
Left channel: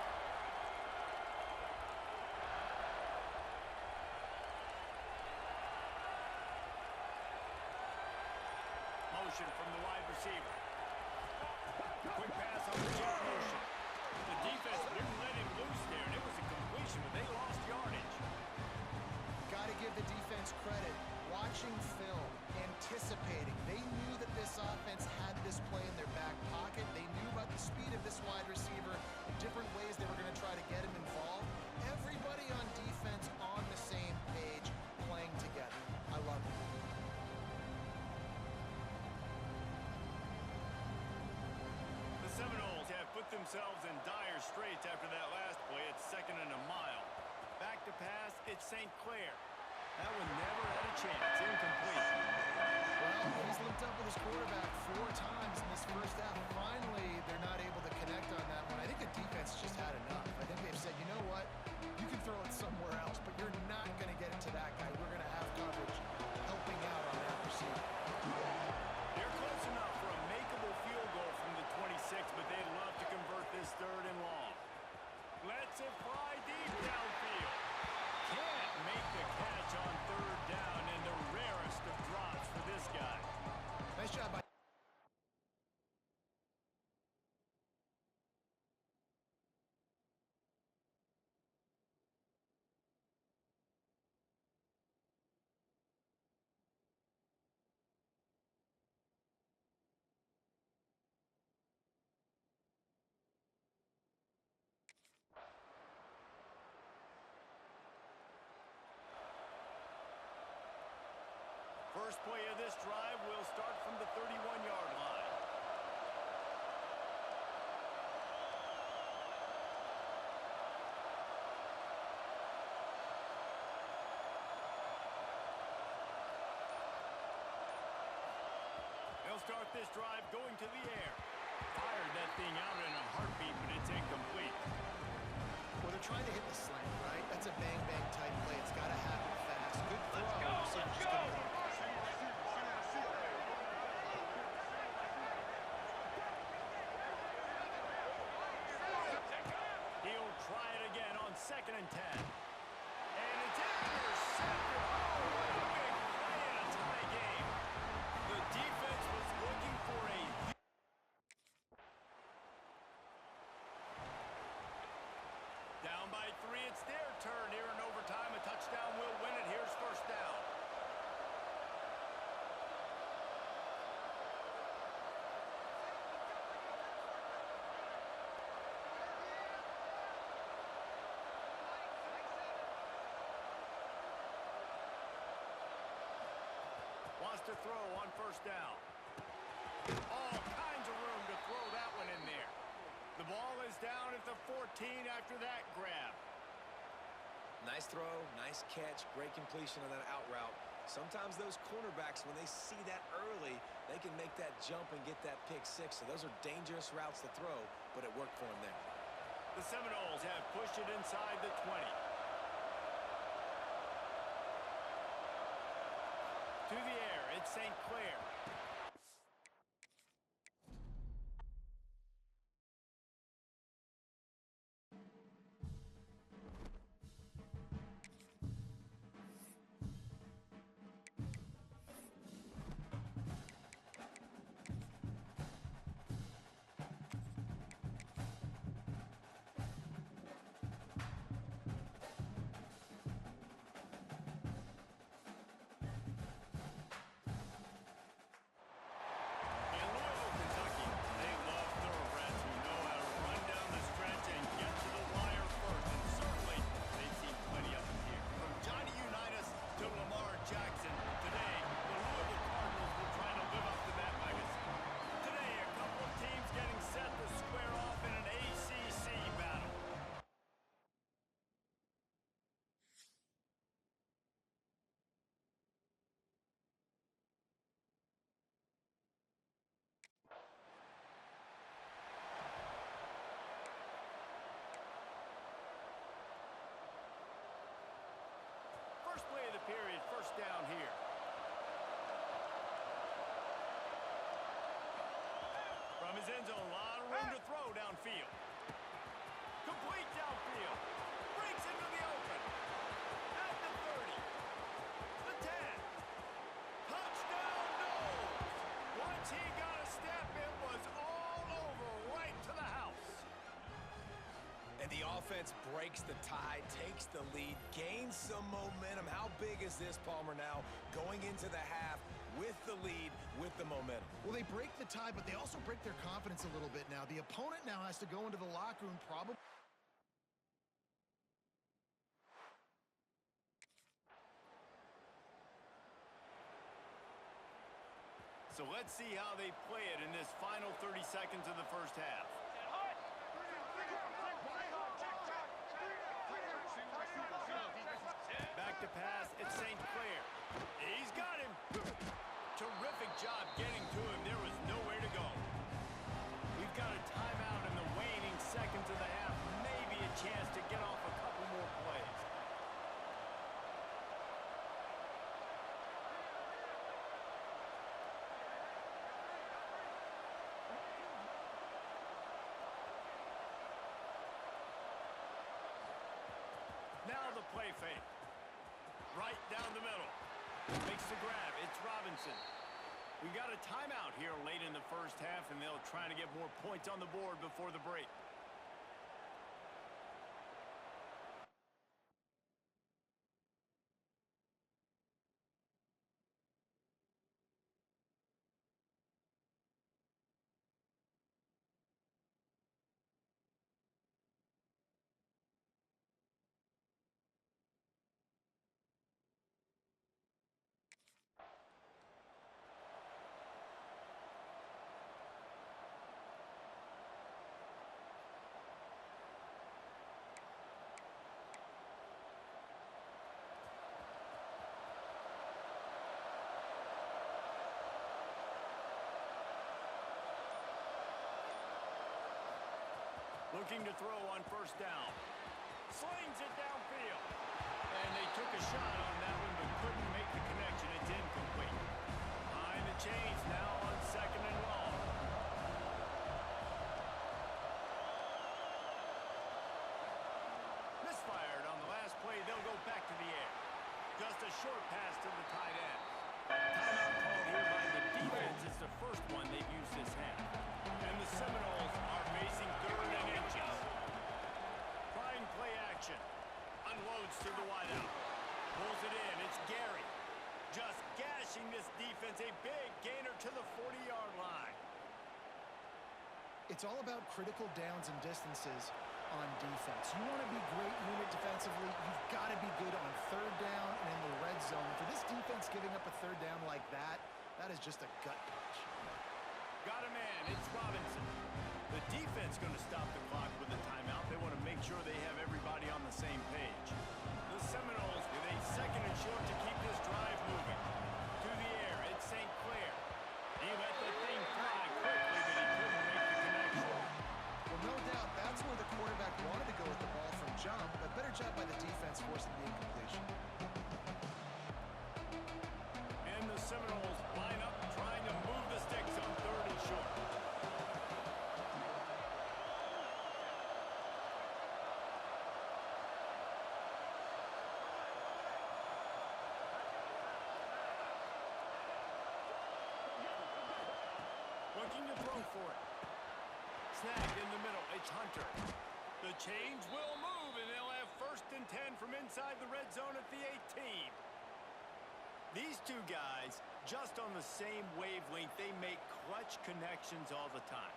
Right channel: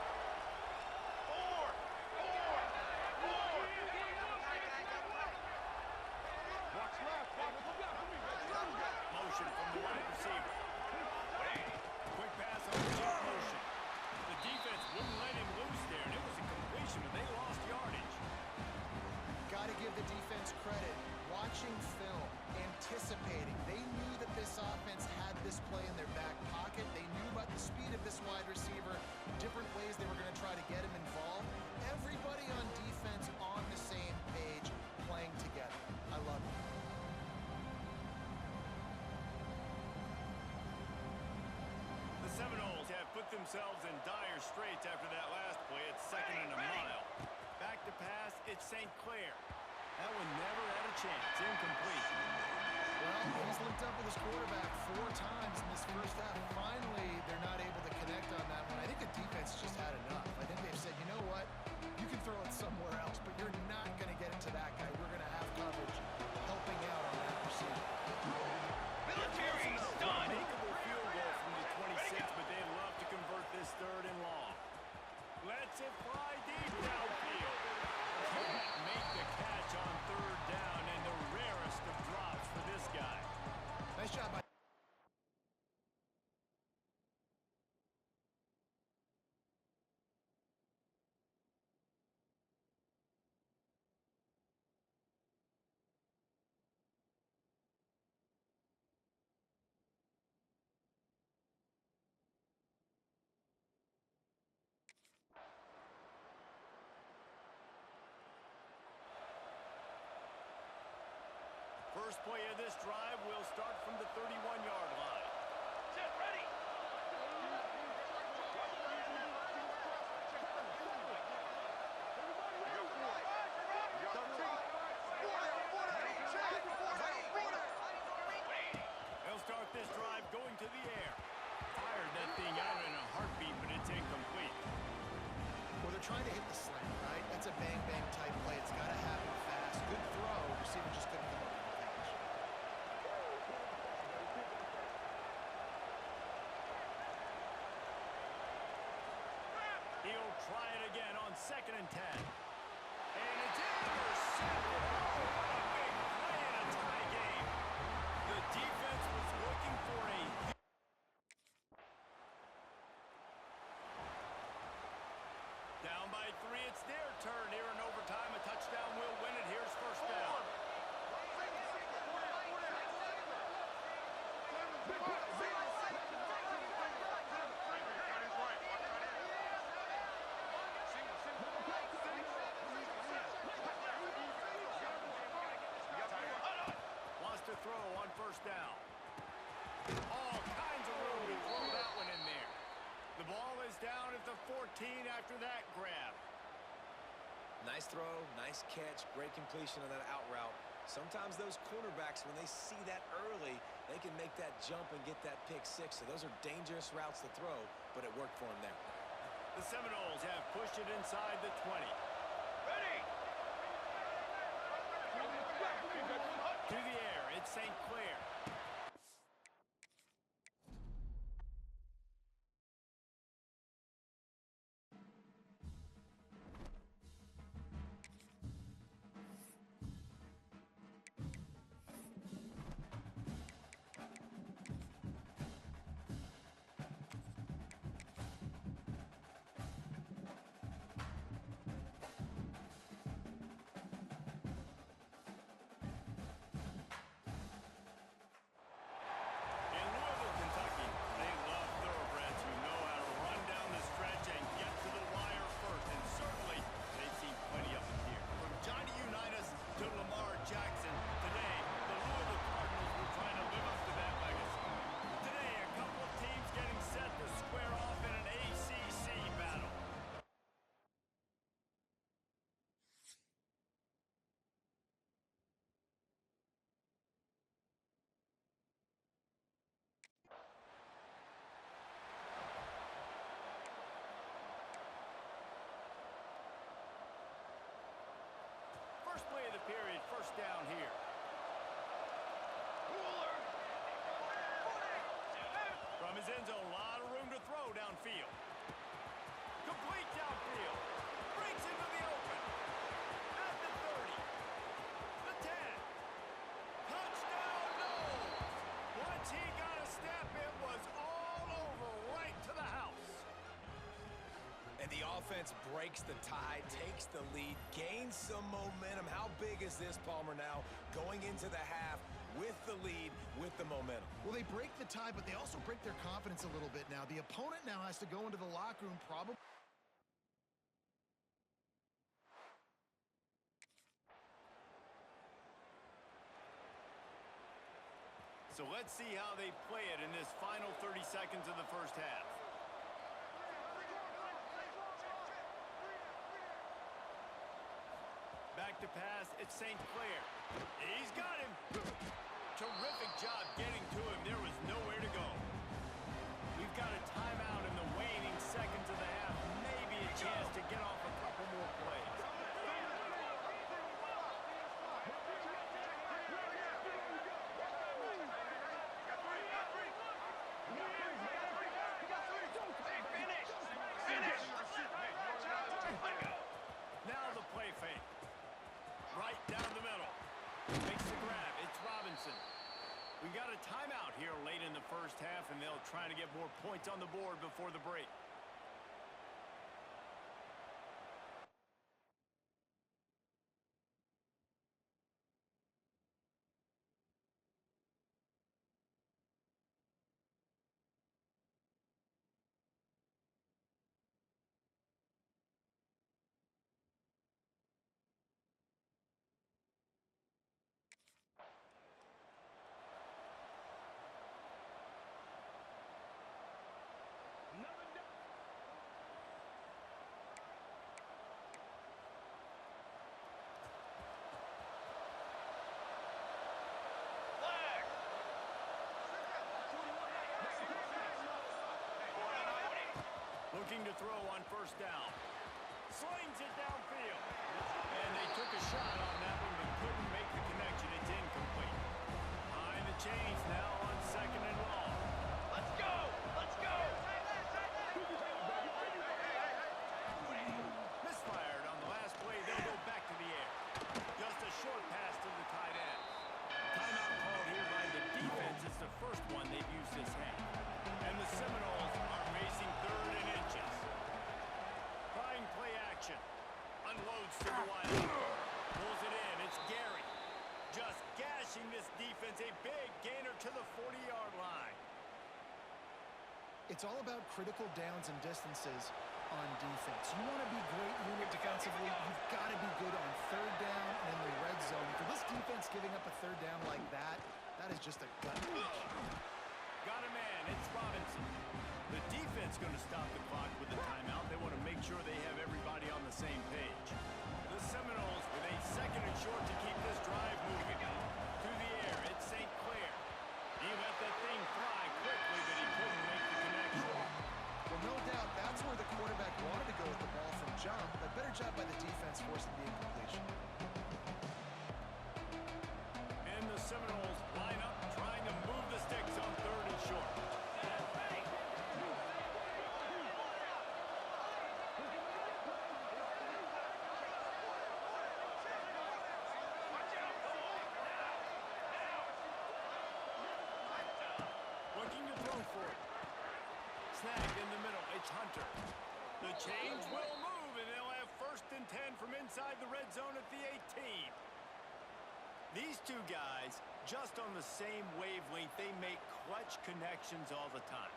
Motion from the wide receiver. Quick pass on the jet motion. The defense wouldn't let him loose there, and it was a completion, but they lost yardage. Got to give the defense credit. Watching film, anticipating. They knew that this offense had this play in their back pocket. They knew about the speed of this wide receiver, the different ways they were going to try to get him involved. Everybody on defense on the same page, playing together. I love it. The Seminoles have put themselves in dire straits after that last play. It's 2nd and a mile. Back to pass, it's St. Clair. That one never had a chance. Incomplete. Well, he's linked up with his quarterback 4 times in this first half. Finally, they're not able to connect on that one. I think the defense just had enough. I think they've said, you know what? You can throw it somewhere else, but you're not going to get it to that guy. We're going to have coverage helping out on that receiver. They're close enough for a makeable field goal from the 26, but they'd love to convert this 3rd and long. Lets it fly deep downfield. Can't make the catch on 3rd down, and the rarest of drops for this guy. Nice job by First play of this drive will start from the 31-yard line. They'll start this drive going to the air. Fired that thing out in a heartbeat, but it's incomplete. Well, they're trying to hit the slant, right? That's a bang-bang type play. It's got to happen fast. Good throw. Receiver just couldn't come up with the catch. He'll try it again on 2nd and 10. And it's intercepted. Oh, what a big play in a tie game. The defense was looking for a... Down by 3, it's their turn here in overtime. A touchdown will win it. Here's first down. Wants to throw on first down. All kinds of room to throw that one in there. The ball is down at the 14 after that grab. Nice throw, nice catch, great completion on that out route. Sometimes those cornerbacks, when they see that early, they can make that jump and get that pick 6. So those are dangerous routes to throw, but it worked for him there. The Seminoles have pushed it inside the 20. To the air, it's St. Clair. First play of the period, first down here. From his end zone, a lot of room to throw downfield. Complete downfield. Breaks into the open. At the 30. The 10. Touchdown, Noles. Once he got a step, it was all over right to the house. And the offense breaks the tie, takes the lead, gains some momentum. How big is this, Palmer, now going into the half with the lead, with the momentum? Well, they break the tie, but they also break their confidence a little bit now. The opponent now has to go into the locker room probably. So let's see how they play it in this final 30 seconds of the first half. Back to pass, it's St. Clair. He's got him. Terrific job getting to him. There was nowhere to go. We've got a timeout in the waning seconds of the half. Maybe a chance to get off a couple more plays. Now the play fake. Right down the middle. Makes the grab. It's Robinson. We got a timeout here late in the first half, and they'll try to get more points on the board before the break. Looking to throw on first down. Slings it downfield. And they took a shot on that one, but couldn't make the connection. It's incomplete. Behind the chains now on second and long. Let's go! Let's go! Misfired on the last play. They'll go back to the air. Just a short pass to the tight end. Timeout called here by the defense. It's the first one they've used this half. And the Seminoles are facing third and inches. Trying play action. Unloads to the wideout. Pulls it in. It's Gary. Just gashing this defense. A big gainer to the 40-yard line. It's all about critical downs and distances on defense. You want to be great unit defensively, you've got to be good on third down and in the red zone. For this defense giving up a third down like that, that is just a gut punch. Got a man. It's Robinson. The defense going to stop the clock with a timeout. They want to make sure they have everybody on the same page. The Seminoles with a second and short to keep this drive moving. To the air, it's St. Clair. He let that thing fly quickly, but he couldn't make the connection. Well, no doubt that's where the quarterback jump, but better job by the defense forcing the incompletion. And the Seminoles line up, trying to move the sticks on 3rd and short. Looking to throw for it. Snagged in the middle. It's Hunter. The chains will move, and they'll have 1st and 10 from inside the red zone at the 18. These two guys, just on the same wavelength, they make clutch connections all the time.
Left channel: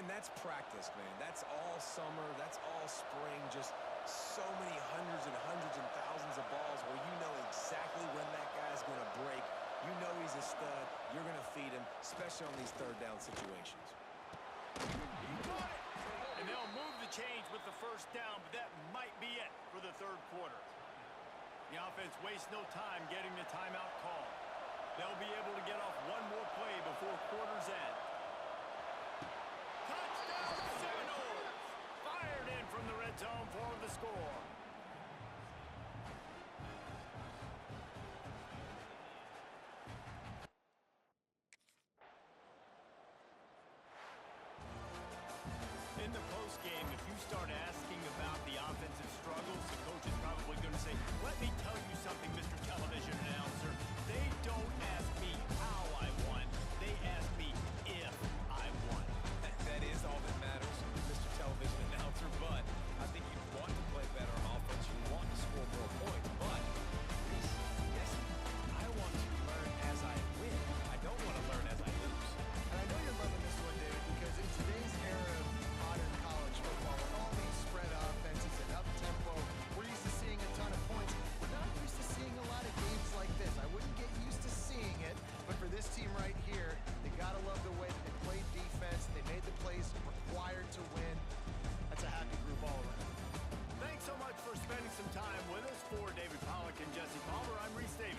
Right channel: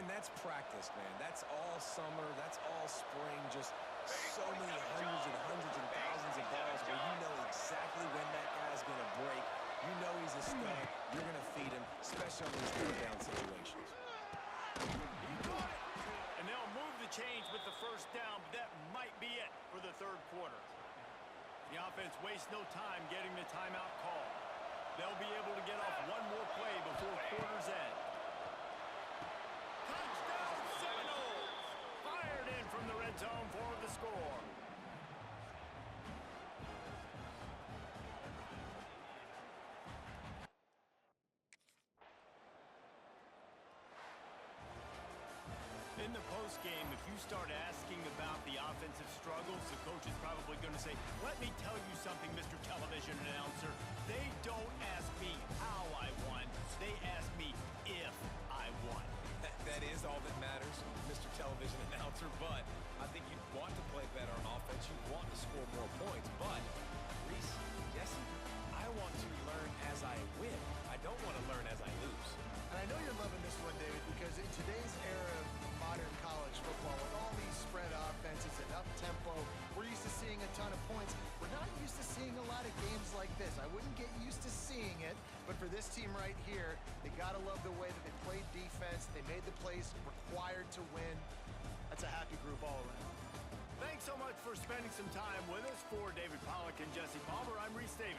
And that's practice, man. That's all summer. That's all spring. Just so many hundreds and thousands of balls where you know exactly when that guy's going to break. You know he's a stud. You're going to feed him, especially on these 3rd down situations. He got it! And they'll move the chains with the 1st down, but that might be it for the 3rd quarter. The offense wastes no time getting the timeout call. They'll be able to get off one more play before quarter's end. Touchdown Seminoles! Fired in from the red zone for the score. In the postgame, if you start asking about the offensive struggles, the coach is probably going to say, let me tell you something, Mr. Television Announcer. They don't ask me how I won. They ask me if I won. That is all that matters, Mr. Television Announcer, but I think you'd want to play better on offense. You want to score more points, but Reese, Jesse, I want to learn as I win. I don't want to learn as I lose. And I know you're loving this one, David, because in today's era of modern college football, with all these spread offenses and up-tempo, we're used to seeing a ton of points. We're not used to seeing a lot of games like this. I wouldn't get used to seeing it, but for this team right here, they got to love the way that they played defense. They made the plays required to win. That's a happy group all around. Thanks so much for spending some time with us. For David Pollack and Jesse Palmer, I'm Reese Davis.